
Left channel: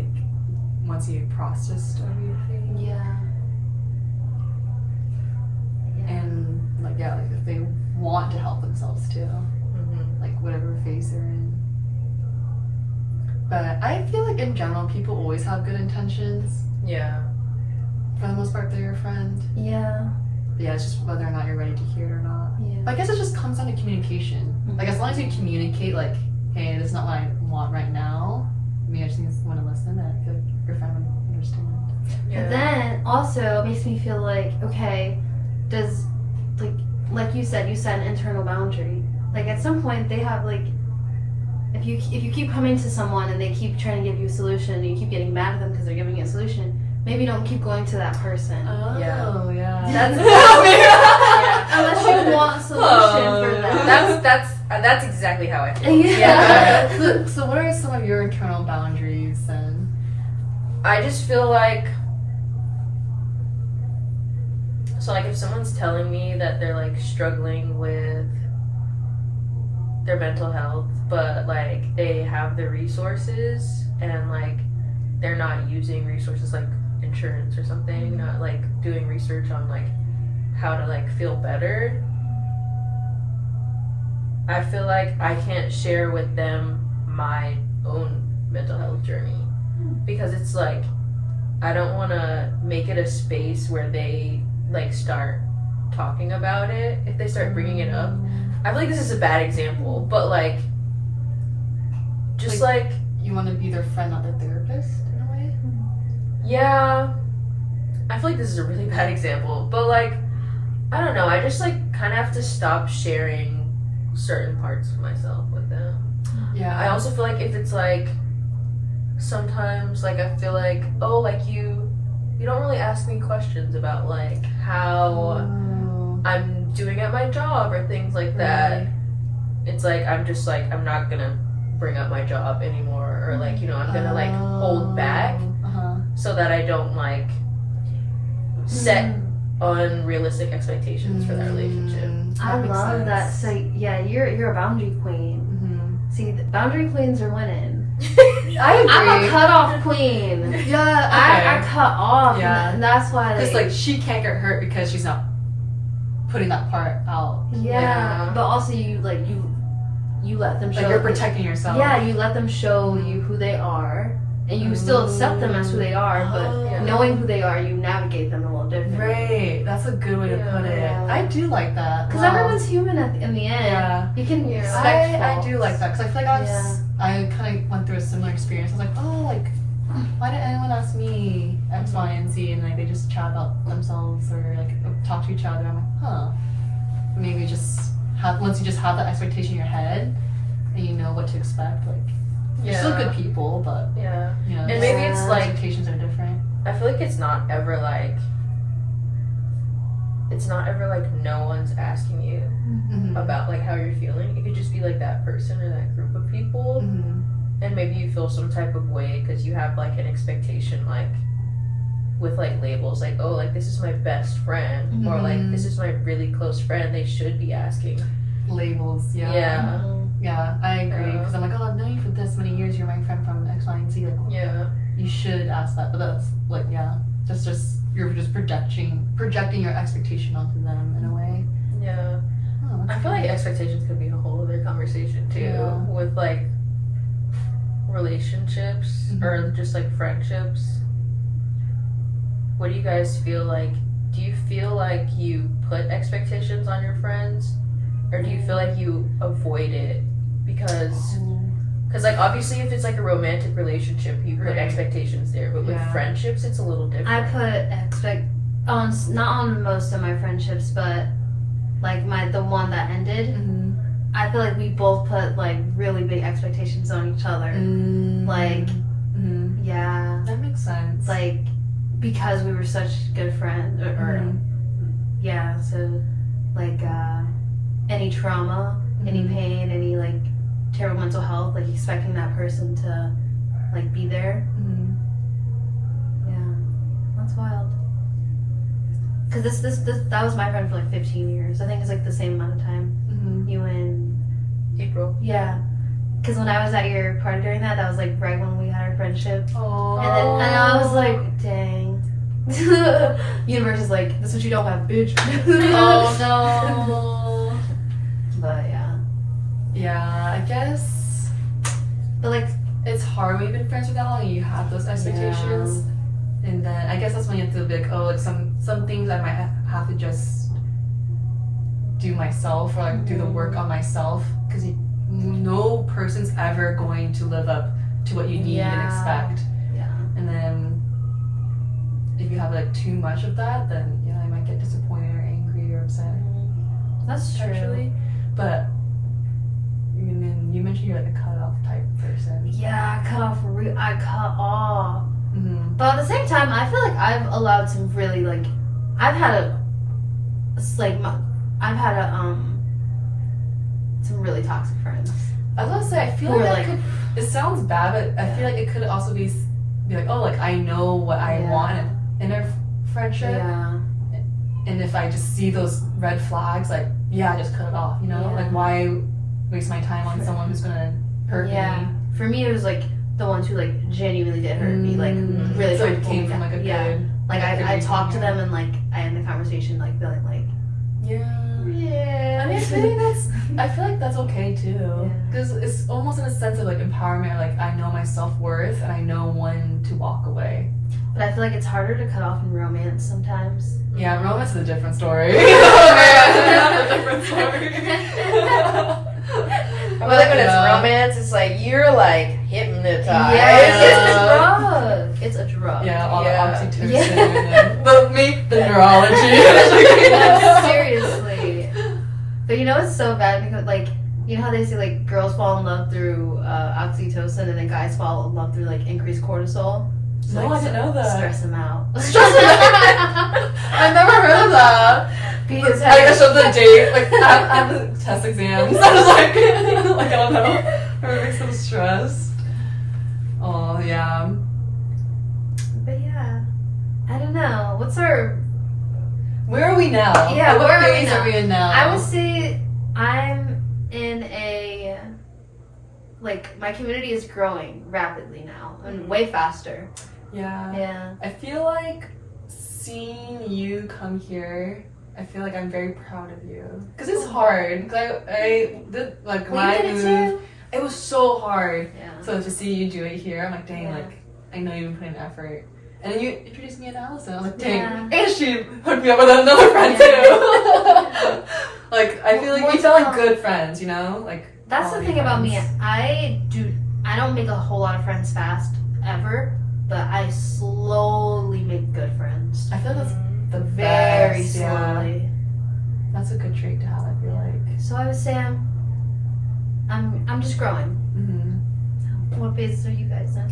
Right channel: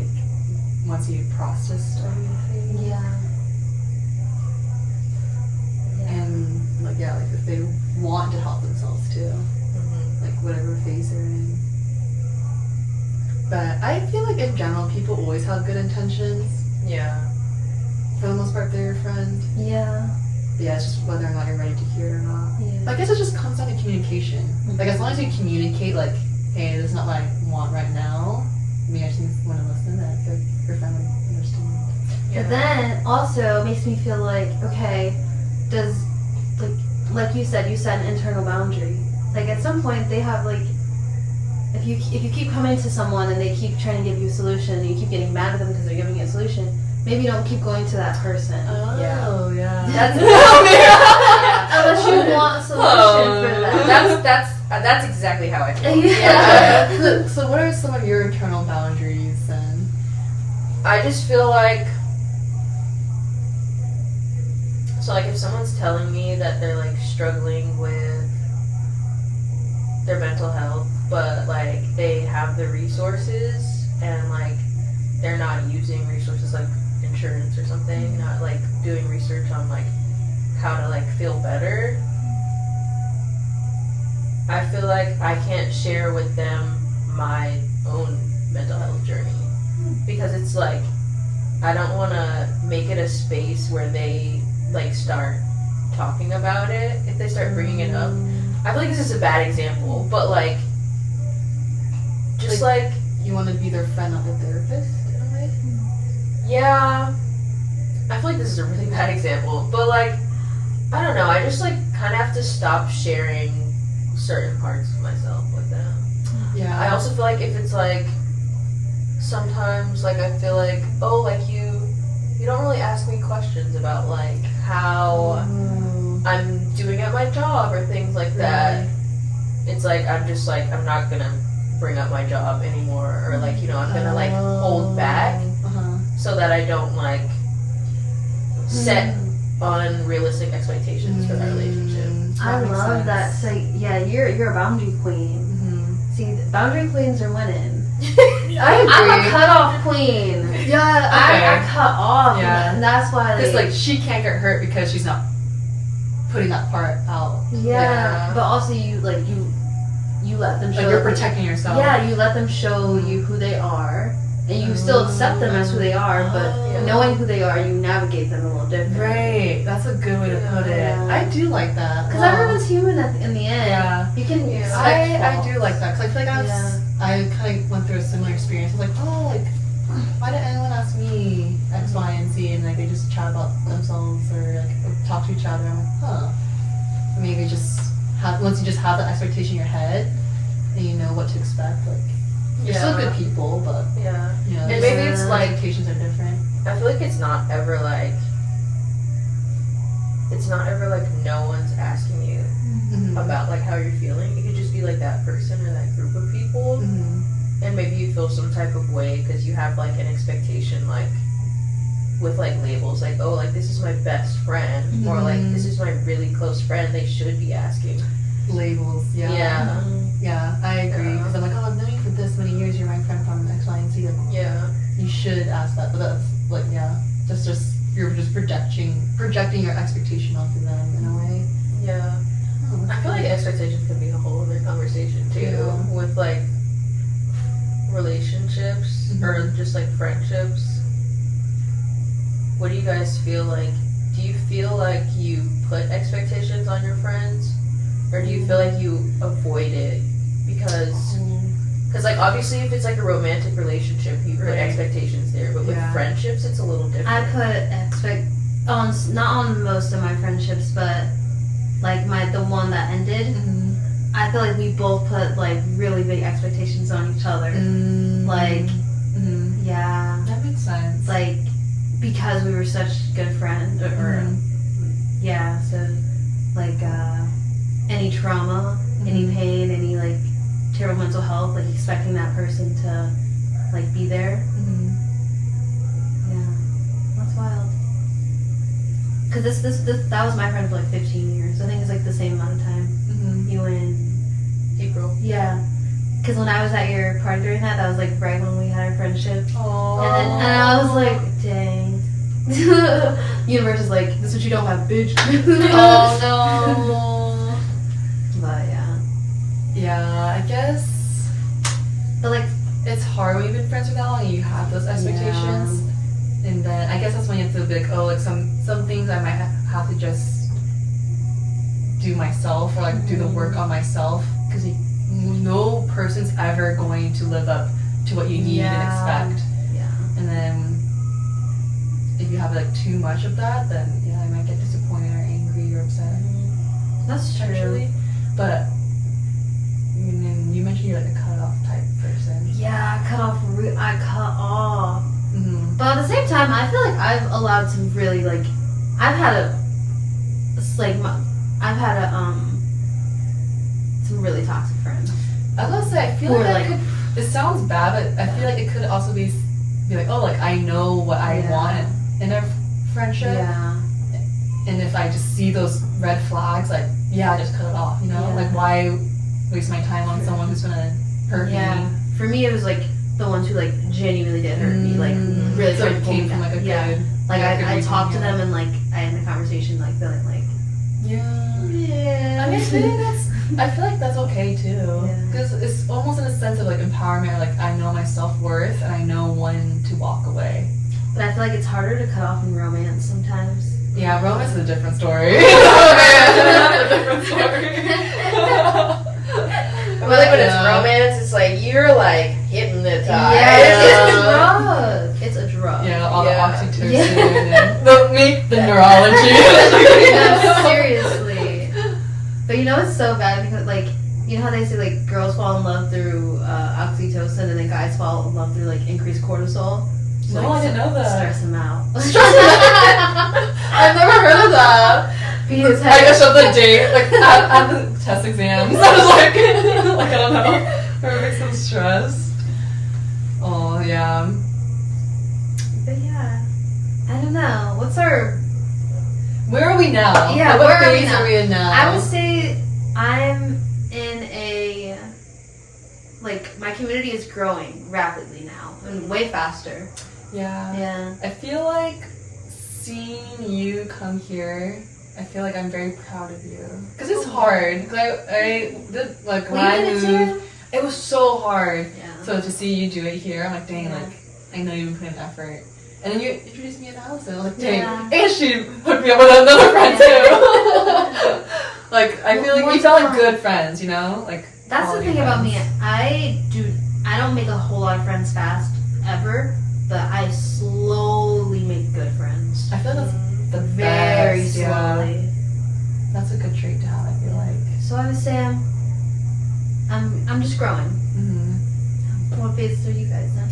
once he processed everything. Yeah. And like if they want to help themselves too, like whatever phase they're in. But I feel like in general, people always have good intentions. Yeah. For the most part, they're your friend. Yeah. But yeah, it's just whether or not you're ready to hear it or not. Yeah. I guess it just comes down to communication. Like as long as you communicate, like, hey, this is not what I want right now. I mean, I just want to listen. Then I feel like your friend would understand. Yeah. But then also it makes me feel like, okay, does like you said an internal boundary. Like at some point they have like, if you keep coming to someone and they keep trying to give you a solution and you keep getting mad at them because they're giving you a solution, maybe don't keep going to that person. Oh Yeah. That's unless you want a solution for them. That's exactly how I feel. Yeah. So what are some of your internal boundaries then? I just feel like, so like if someone's telling me that they're like struggling with their mental health, but like they have the resources and like they're not using resources like insurance or something, not like doing research on like how to like feel better, I feel like I can't share with them my own mental health journey, because it's like I don't want to make it a space where they like start talking about it. If they start bringing it up, I feel like this is a bad example, but like just like you want to be their friend, not their therapist in a way. Yeah, I feel like this is a really bad example, but like I don't know, I just like kind of have to stop sharing certain parts of myself with them. Yeah. I also feel like if it's like sometimes like I feel like, oh, like you don't really ask me questions about like how I'm doing at my job or things like that. Right. It's like I'm just like I'm not gonna bring up my job anymore, or like, you know, I'm gonna like hold back so that I don't like set unrealistic expectations for that relationship. I love that. So yeah, you're a boundary queen. See, the boundary queens are winning. I agree. I'm a cutoff queen. Yeah, I cut off. Yeah. And that's why because like she can't get hurt because she's not putting that part out. Yeah. But also you let them show. Like you're protecting yourself. Yeah, you let them show you who they are, and you still accept them as who they are. But knowing who they are, you navigate them a little different. Right. That's a good way to put it. Yeah. I do like that. Because everyone's human in the end. Yeah. You can expect I faults. do like that, because I feel like I kind of went through a similar experience. I was like, oh, like, why did anyone ask me X, Y, and Z? And like they just chat about themselves or like talk to each other. I'm like, huh. Maybe just once you just have that expectation in your head and you know what to expect, like you're still good people, but you know, and maybe it's like expectations are different. I feel like it's not ever like it's not ever like no one's asking you about like how you're feeling. It could just be like that person or that group of people, and maybe you feel some type of way because you have like an expectation, like with like labels, like, oh, like this is my best friend, or like this is my really close friend. They should be asking. Labels, yeah. Yeah, I agree. Because I'm like, oh, I've known you for this many years. You're my friend from X, Y, and Z. Like, Yeah. you should ask that, but that's like, yeah, just you're just projecting your expectation onto them in a way. Yeah. Oh, I feel like expectations could be a whole other conversation too, Yeah. with like relationships or just like friendships. What do you guys feel like? Do you feel like you put expectations on your friends, or do you feel like you avoid it because like obviously if it's like a romantic relationship you put expectations there, but with friendships it's a little different. I put not on most of my friendships, but like the one that ended. I feel like we both put like really big expectations on each other. Like, yeah, that makes sense. like because we were such good friends, or yeah. So like any trauma, any pain, any like terrible mental health, like expecting that person to like be there. Yeah, that's wild. Cause this that was my friend for like 15 years. I think it's like the same amount of time. You and April. Yeah, because when I was at your party during that was like right when we had our friendship. Oh. And I was like, dang. Universe is like, this is what you don't have, bitch. Oh no. But yeah. Yeah, I guess. But like, it's hard when you've been friends for that long and you have those expectations. And then I guess that's when you have to be like, oh, like some things I might have to just do myself, or like do the work on myself, because no person's ever going to live up to what you need and expect. Yeah. And then if you have like too much of that, then yeah, I might get disappointed or angry or upset. That's true. Actually, but and then you mentioned you're like a cutoff type person. Yeah, I cut off. But at the same time, I feel like I've allowed some really like, I've had some really toxic friends. I was gonna say, I feel Or like, like- it sounds bad, but I feel like it could also be like, oh, like I know what I want in a friendship, Yeah. and if I just see those red flags, like, yeah, just cut it off, you know? Yeah. Like, why waste my time on someone who's gonna hurt me? For me, it was like the ones who like genuinely did hurt me, like really So tried it to pull came me from down. like a good, Like I reason, talked to them and like I had the conversation, like feeling like yeah. I mean, I feel like that's okay too, because it's almost in a sense of like empowerment. Like, I know my self-worth and I know when to walk away. But I feel like it's harder to cut off in romance sometimes. Yeah, romance is a different story. That's a different story. I feel like when it's romance, it's like you're like hypnotized. It's a drug. Yeah, all the oxytocin Yeah. and the neurology. No, seriously. But you know it's so bad because like, you know how they say like girls fall in love through oxytocin and then guys fall in love through like increased cortisol? So, No, like, I didn't know that. Stress them out. I've never heard of that. Because I guess of the date, like at the test exams, I was like I don't know, it makes them stressed. Oh yeah. But yeah, I don't know. What's our? Where are we now? Yeah, what where are we phase now? are we in now? I would say I'm in a like my community is growing rapidly now and way faster. Yeah. Yeah. I feel like seeing you come here, I feel like I'm very proud of you. Because it's hard. Cause I did, like, when I moved, it was so hard. Yeah. So to see you do it here, I'm like, dang, like, I know you've put in effort. And then you introduced me to Allison. I'm like, dang. Yeah. And she hooked me up with another friend, too. Like, I feel like we felt like good friends, you know? Like, That's the quality thing about me. friends. I don't make a whole lot of friends fast, ever. But I slowly make good friends. I feel that's the Very best, yeah. slowly. That's a good trait to have, I feel like. So I would say I'm just growing. Mm-hmm. What phase are you guys in?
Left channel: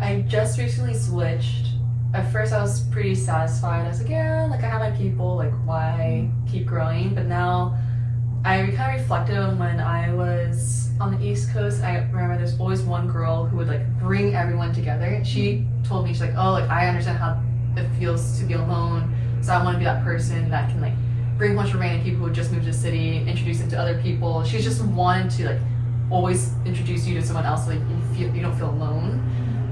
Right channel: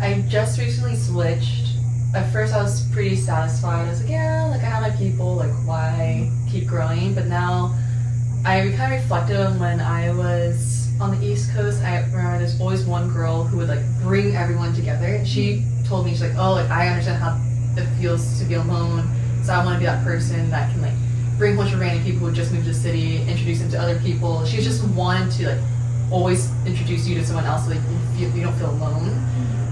I just recently switched at first I was pretty satisfied. I was like, yeah, like I have my people, like why keep growing? But now I kind of reflected on when I was on the East Coast. I remember there's always one girl who would like bring everyone together. And she told me, she's like, oh, like I understand how it feels to be alone. So I want to be that person that can like bring a bunch of random people who just moved to the city, introduce them to other people. She just wanted to like always introduce you to someone else so like you don't feel alone.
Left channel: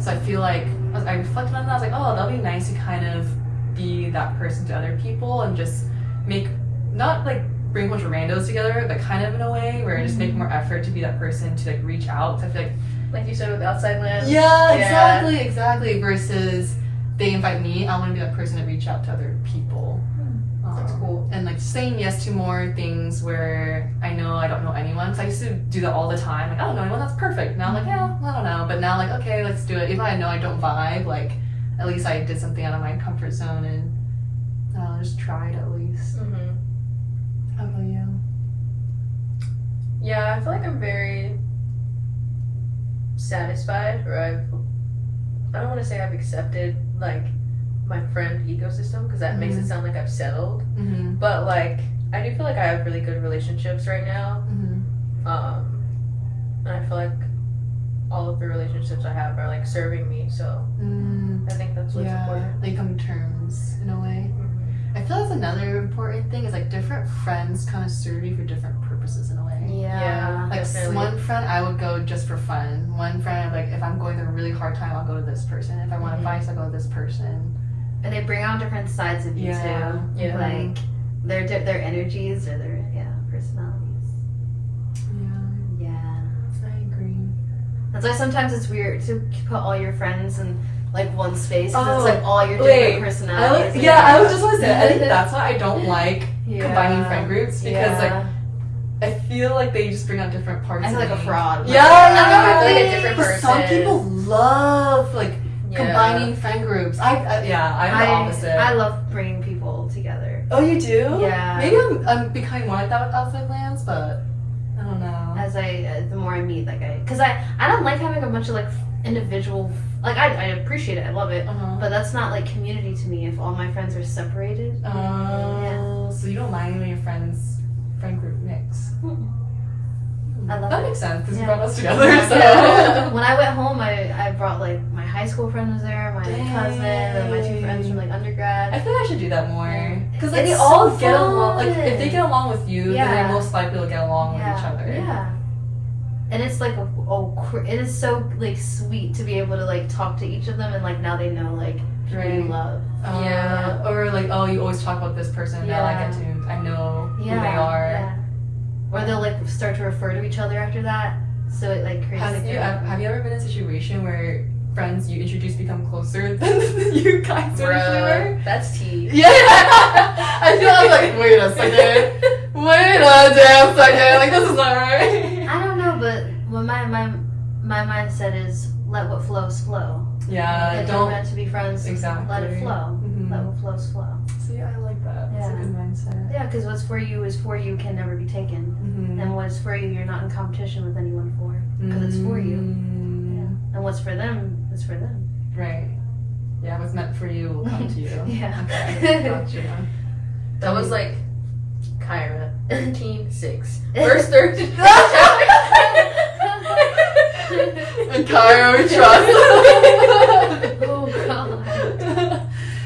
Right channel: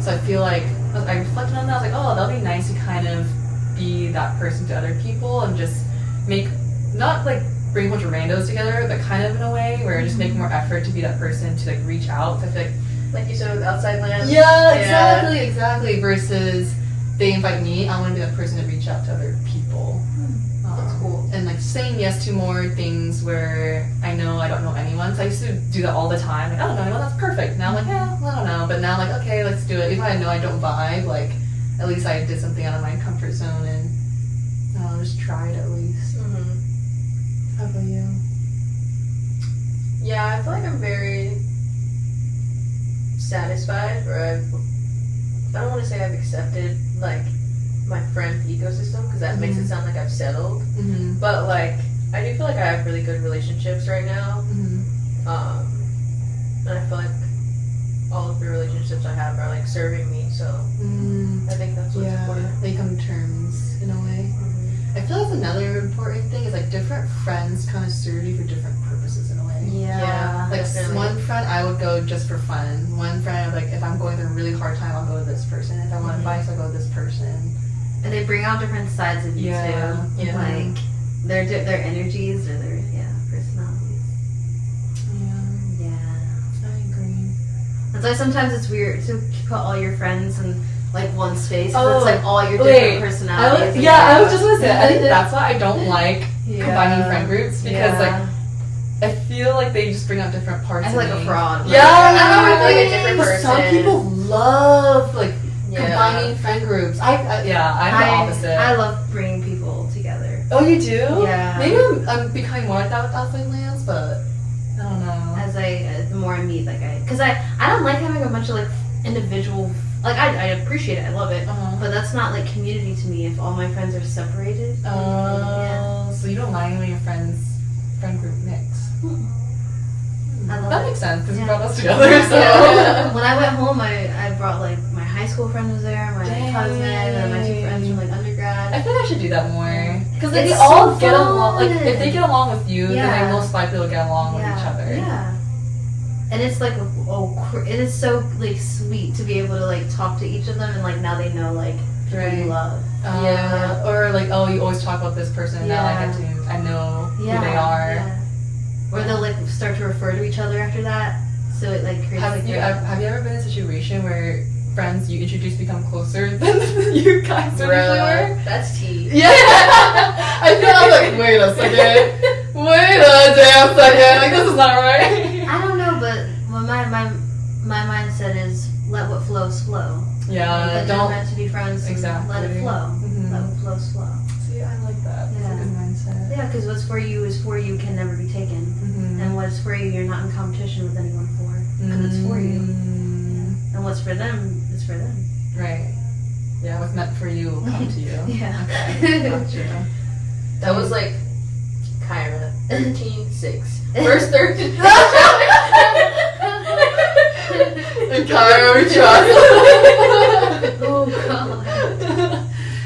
So I feel like I reflected on that. I was like, oh, that'll be nice to kind of be that person to other people and just make, not like bring a bunch of randos together, but kind of in a way where just make more effort to be that person to like reach out. So I feel like you said with Outside Lands. Yeah, exactly. Versus they invite me, I want to be that person to reach out to other people. That's cool. And like saying yes to more things where I know I don't know anyone. So I used to do that all the time. Like, I don't know anyone, that's perfect. Now I'm like, yeah, I don't know. But now I'm like, okay, let's do it. Even though I know I don't vibe, like at least I did something out of my comfort zone and I'll just try it at least. Mm-hmm. How about you? Yeah, I feel like I'm very satisfied, or I don't want to say I've accepted like my friend ecosystem because that makes it sound like I've settled. Mm-hmm. But like I do feel like I have really good relationships right now. Mm-hmm. And I feel like all of the relationships I have are like serving me. So I think that's what's important. Like come to terms in a way. I feel that's another important thing is like different friends kind of serve you for different purposes in a way. Yeah. Like definitely. one friend I would go just for fun. One friend like if I'm going through a really hard time I'll go to this person. If I want advice I'll go to this person. And they bring out different sides of you too. Yeah. Like their energies or their personalities. Yeah. I agree. That's why sometimes it's weird to put all your friends in like one space. 'Cause Oh, it's like all your wait. different personalities. I was just gonna say I think that's why I don't like combining friend groups because like I feel like they just bring out different parts I feel of like a me. fraud. Yeah, I feel like a different but person. some people love like Yeah. combining friend groups. I'm the opposite. I love bringing people together. Oh, you do? Yeah. Maybe I'm becoming more like that with Outside Lands, but I don't know. As the more I meet, like because I don't like having a bunch of like individual. Like I appreciate it, I love it, but that's not like community to me. If all my friends are separated. So you don't mind when your friend group mix. I love That it. makes sense because you Yeah. brought us together. So Yeah. When I went home, I brought like my high school friend was there, my cousin, and my two friends from like undergrad. I feel like I should do that more because like, It's they all so get along. Like fun. if they get along with you, Yeah. then they most likely will get along with each other. Yeah. And it's like it is so like sweet to be able to like talk to each of them and like now they know like people you love. Yeah. Or like, oh, you always talk about this person, and now I know who they are. Yeah. Or they'll like start to refer to each other after that. So it like creates Have like you ever been in a situation where friends you introduce become closer than you guys originally were? That's tea. Yeah. I feel like wait a second. Wait a damn second. Like this is not right. I don't know, but my mindset is let what flows flow. Yeah. If you're meant to be friends, Exactly. let it flow. Mm-hmm. Let what flows flow. See, I like that. Yeah. That's a good mindset. Yeah, because what's for you is for you, can never be taken. Mm-hmm. And what's for you, you're not in competition with anyone for. Because it's for you. Yeah. And what's for them is for them. Right. Yeah, what's meant for you will come to you. Yeah. Okay. Gotcha. That was like Kyra 13:6. Verse 13. And Kyra, we trust. Oh god.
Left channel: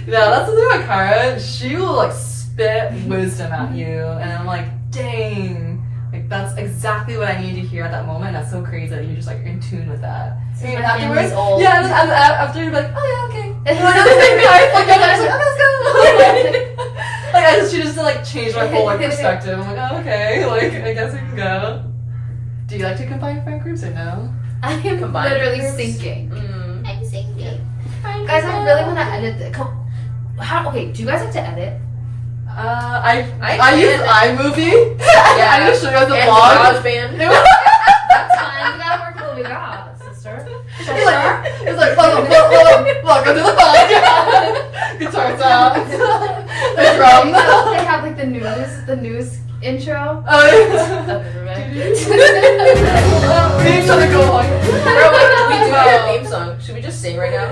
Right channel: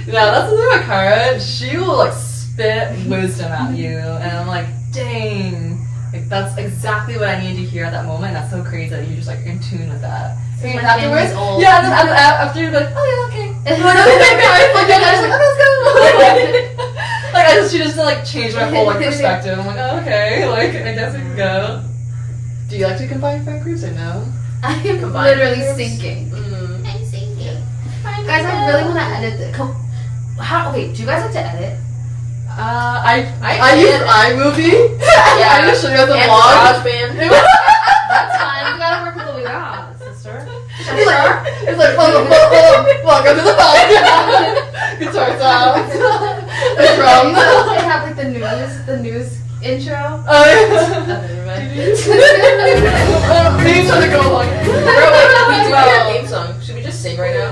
Yeah, that's the thing about Kyra. She will like spit wisdom at you, and I'm like, dang. Like that's exactly what I needed to hear at that moment. That's so crazy that you're just like in tune with that. So And my family's old. yeah, and then after you're like, oh yeah, okay. And like, Kyra's like, yeah, I was like, oh, let's go. Like she just like changed my whole like perspective. I'm like, oh, okay, like I guess we can go. Do you like to combine friend groups or no? I am Combined literally groups? sinking. I'm sinking. Guys, I really want to edit the. Okay, do you guys like to edit? I use iMovie. Yeah. I usually show you the And vlog. GarageBand. That's fine. You gotta work with what we got, sister. It's like welcome to the vlog. Guitar sounds. The drum. They have like the news intro. We need to go home. Bro, we do our theme song. Should we just sing right now?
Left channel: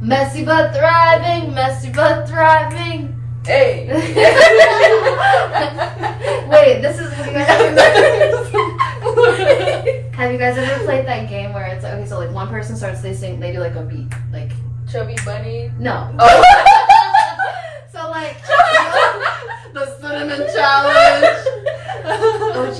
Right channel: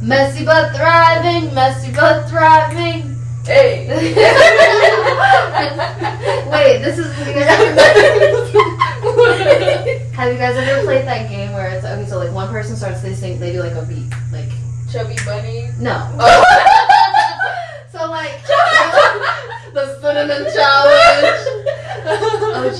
Messy but thriving, messy but thriving. Hey. Wait, this is. Have you guys ever played that game where it's okay? So like one person starts, they sing, they do like a beat, like Chubby bunny. no. Oh. So like The cinnamon challenge.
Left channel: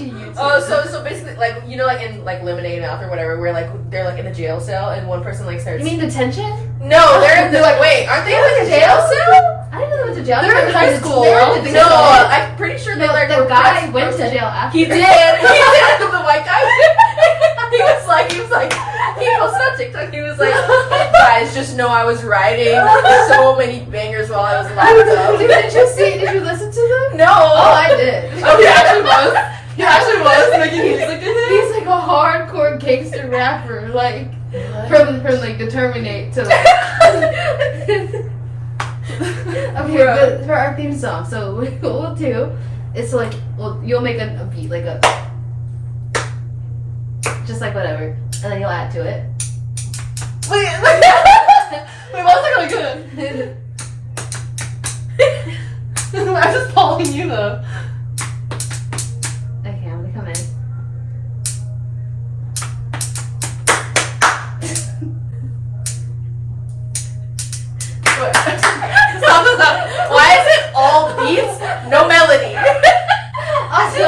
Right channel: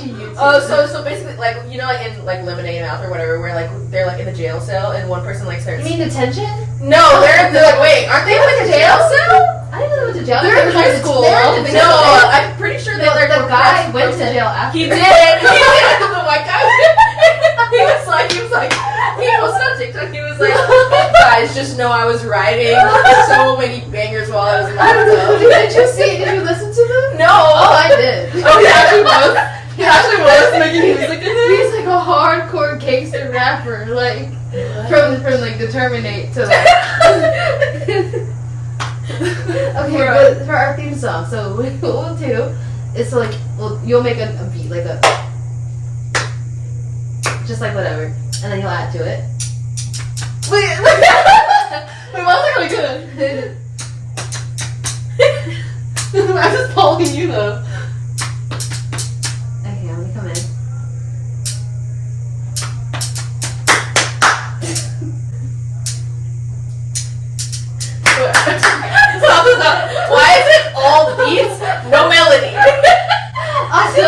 YouTube. So basically, like you know, like in like Lemonade Mouth or whatever, where like they're like in the jail cell and one person like starts. You mean detention? No, they're like, wait, aren't they in the jail cell? I didn't know they went to jail. They're in high school. They're in the No, jail. I'm pretty sure they No, like the were guy pressed went for- to jail after. He did. The white guy. He was like, he posted on TikTok. He was like, guys, just know I was writing so many bangers while I was in the hot tub. Did you see? Did you listen to them? No. Oh, I did. He actually was. He actually was making music in it. He's like a hardcore gangster rapper, like from like the Terminate to like. Okay, but for our theme song, so what we'll do is like you'll make a beat like a just like whatever, and then you'll add to it. Wait, what's it gonna do? I'm just following you though. Okay, I'm gonna come in. Stop. Why is it all beats, no melody? Also,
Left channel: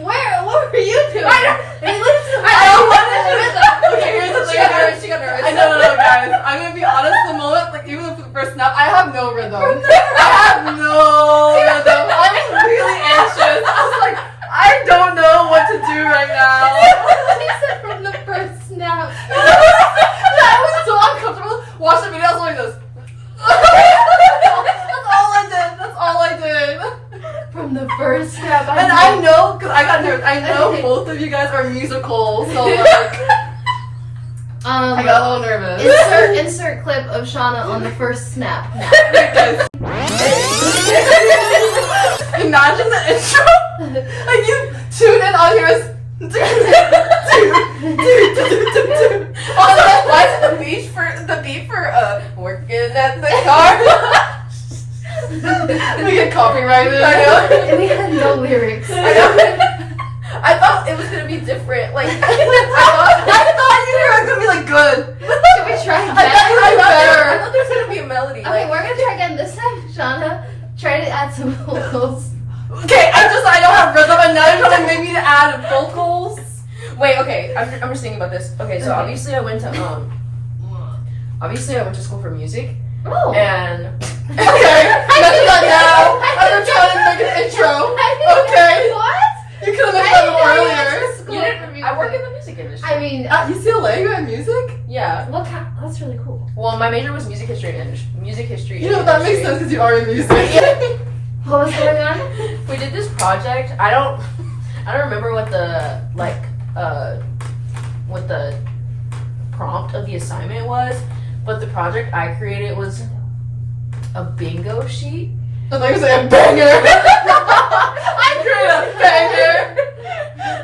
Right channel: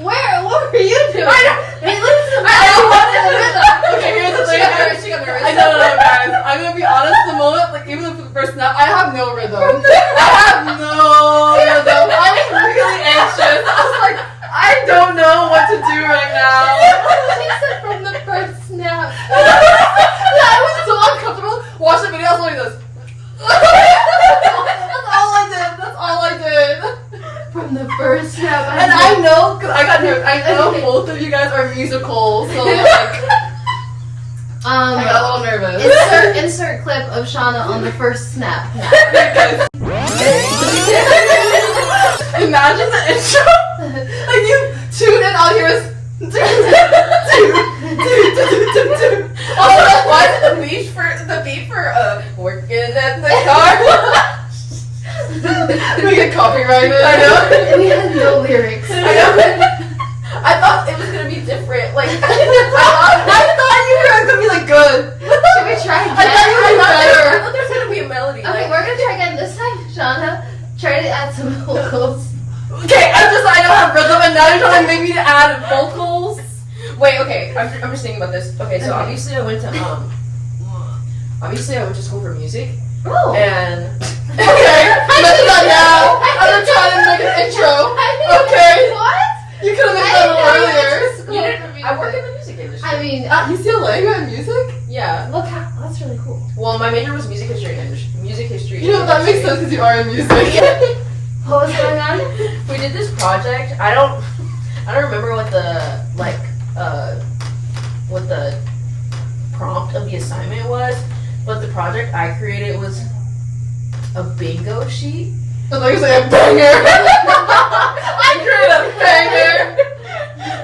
what were you doing? I mean, listen to me. Okay, here's the thing. She got nervous. I know, guys. I'm gonna be honest. The moment, like, even the first snap, I have no rhythm. I have no rhythm. I was really anxious. I was like, I don't know what to do right now. She said from the first snap. Yeah, I was so uncomfortable. Watch the video. I was like this. That's all I did. That's all I did. From the first snap. And I know, because I got nervous. I know both of you guys are musical, so like, I got a little nervous. Insert clip of Shauna on the first snap. Guys. Imagine the intro. Like you tune in, all you hear is Also, why is it the beat for working at the car? we get copyrighted. I know. And we had no lyrics. I thought it was gonna be different. Like I thought you were gonna be like good. Should we try again? I I thought there was gonna be a melody. Okay, Like, we're gonna try again this time, Shauna. Try to add some vocals. Okay, I don't have rhythm, and now you're trying to make me to add vocals. wait, okay. I'm just thinking about this. Okay, so Okay. obviously I went to school for music, Oh. and Okay, that's not now. I'm trying to make an intro. Okay. What? You could have made that a little earlier. you didn't, I work in the music industry. I mean, UCLA, you have music? Yeah. look how that's really cool. Well, my major was music history and music history. You know, that makes sense because you are in music. What was going on? We did this project. I don't remember what the what the prompt of the assignment was, but the project I created was a bingo sheet. I thought you were saying a banger. I created a banger.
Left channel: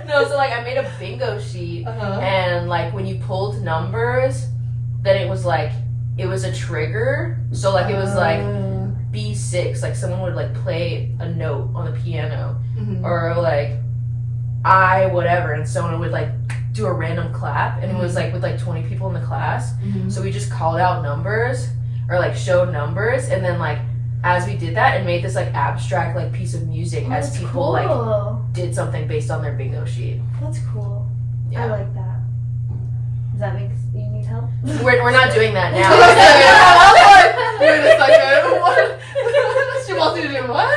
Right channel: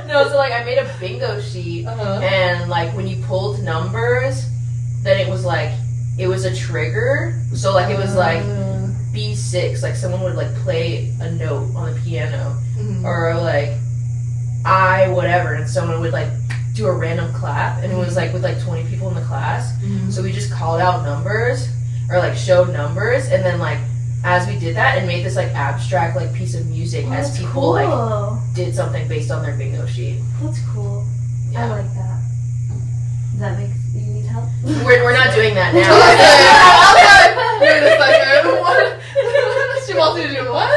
No, so like I made a bingo sheet, Uh-huh. and like when you pulled numbers, then it was a trigger. So like it was like B6, like someone would like play a note on the piano, Mhm. or like I whatever, and someone would like do a random clap, and it was like with like 20 people in the class. Mhm. So we just called out numbers or like showed numbers, and then like as we did that and made this like abstract like piece of music Oh, as that's people like cool. did something based on their bingo sheet. That's cool. I Yeah. like that. Does that make you need help? We're not doing that now. Wait a second. What? She wants you to do what?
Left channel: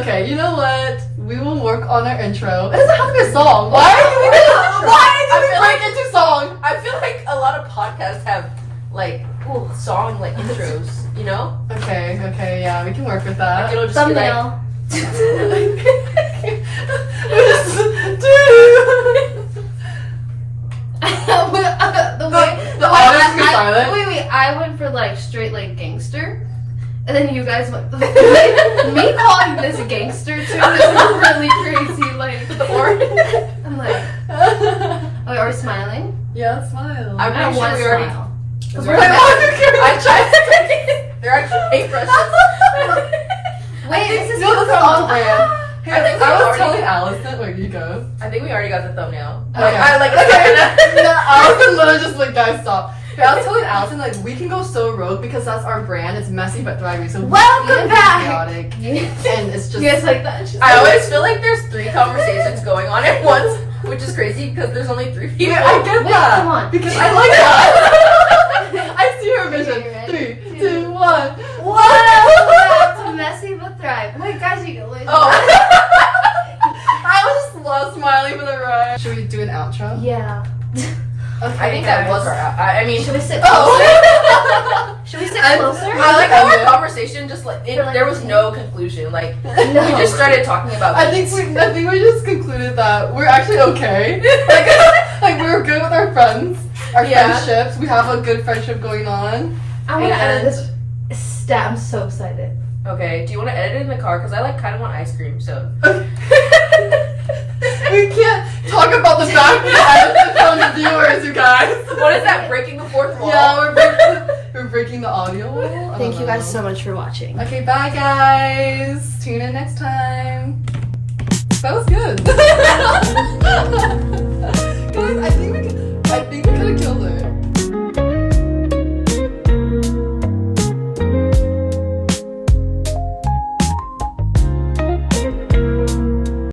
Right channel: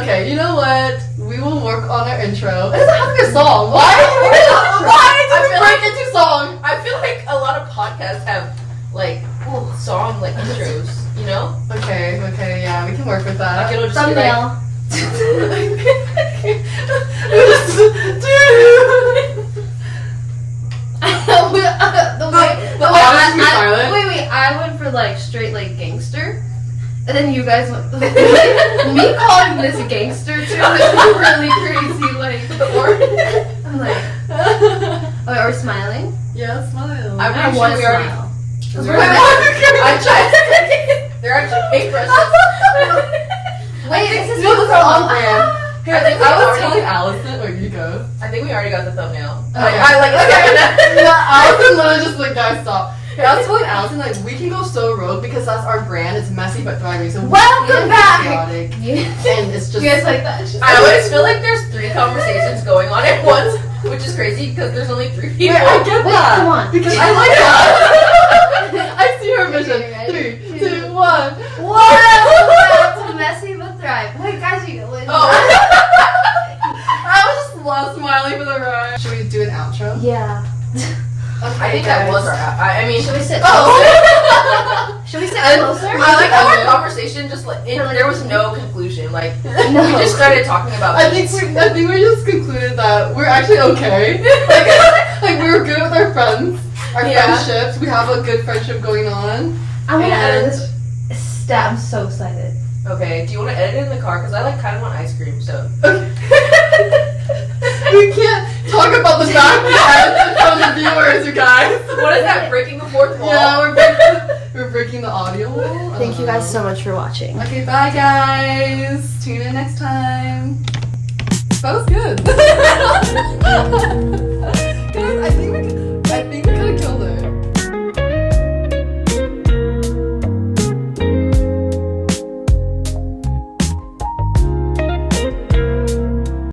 Okay, you know what? We will work on our intro. It doesn't have to be a song. Why did we break into song? I feel like a lot of podcasts have like song like intros, you know? Okay, yeah, we can work with Like that. it'll just be like, The audience be silent. Wait, I went for like straight like gangster. And then you guys went me calling this gangster too is really crazy. Like, I'm like, okay, Are we smiling? Yeah, smile. I'm I pretty sure want to we already. smile. Because We're we're like, I tried to. They're actually paintbrushes. Wait, is this no, this is on brand. I Here, think we I was already- telling Allison, where you go. I think we already got the thumbnail. Okay. Like I like. Allison literally just like, guys, stop. Here, I was telling Allison, like, we can go so rogue because that's our brand. It's messy but thriving. So we Welcome can be back. chaotic, You and it's just. guys like that? I always feel like there's 3 conversations going on at once, which is crazy because there's only 3 people. Wait, I get Wait, that. come on. Because I like that. I see her vision. Okay, ready? 3, 2, 1. Whoa! That's messy but thrive. Wait, guys, you. I was just love smiling for the ride. Should we do an outro? Yeah. Okay, I think that was our. I mean, Should we sit? Oh. Should we sit I- closer? I like how our conversation like- there was no conclusion. Like No. we just started talking about. I think we just concluded that we're actually okay. Like we were good with our friends, our Yeah. friendships. We have a good friendship going on. I want to And- edit this stat. I'm so excited. Okay, do you want to edit it in the car? Because I like kind of want ice cream. So We can't talk about the fact that from the viewers, you guys. what is that? Breaking the fourth wall? Yeah, we're breaking the audio wall. I Thank don't you guys know. so much for watching. Okay, bye guys. Tune in next time. That was good. Guys, I think we can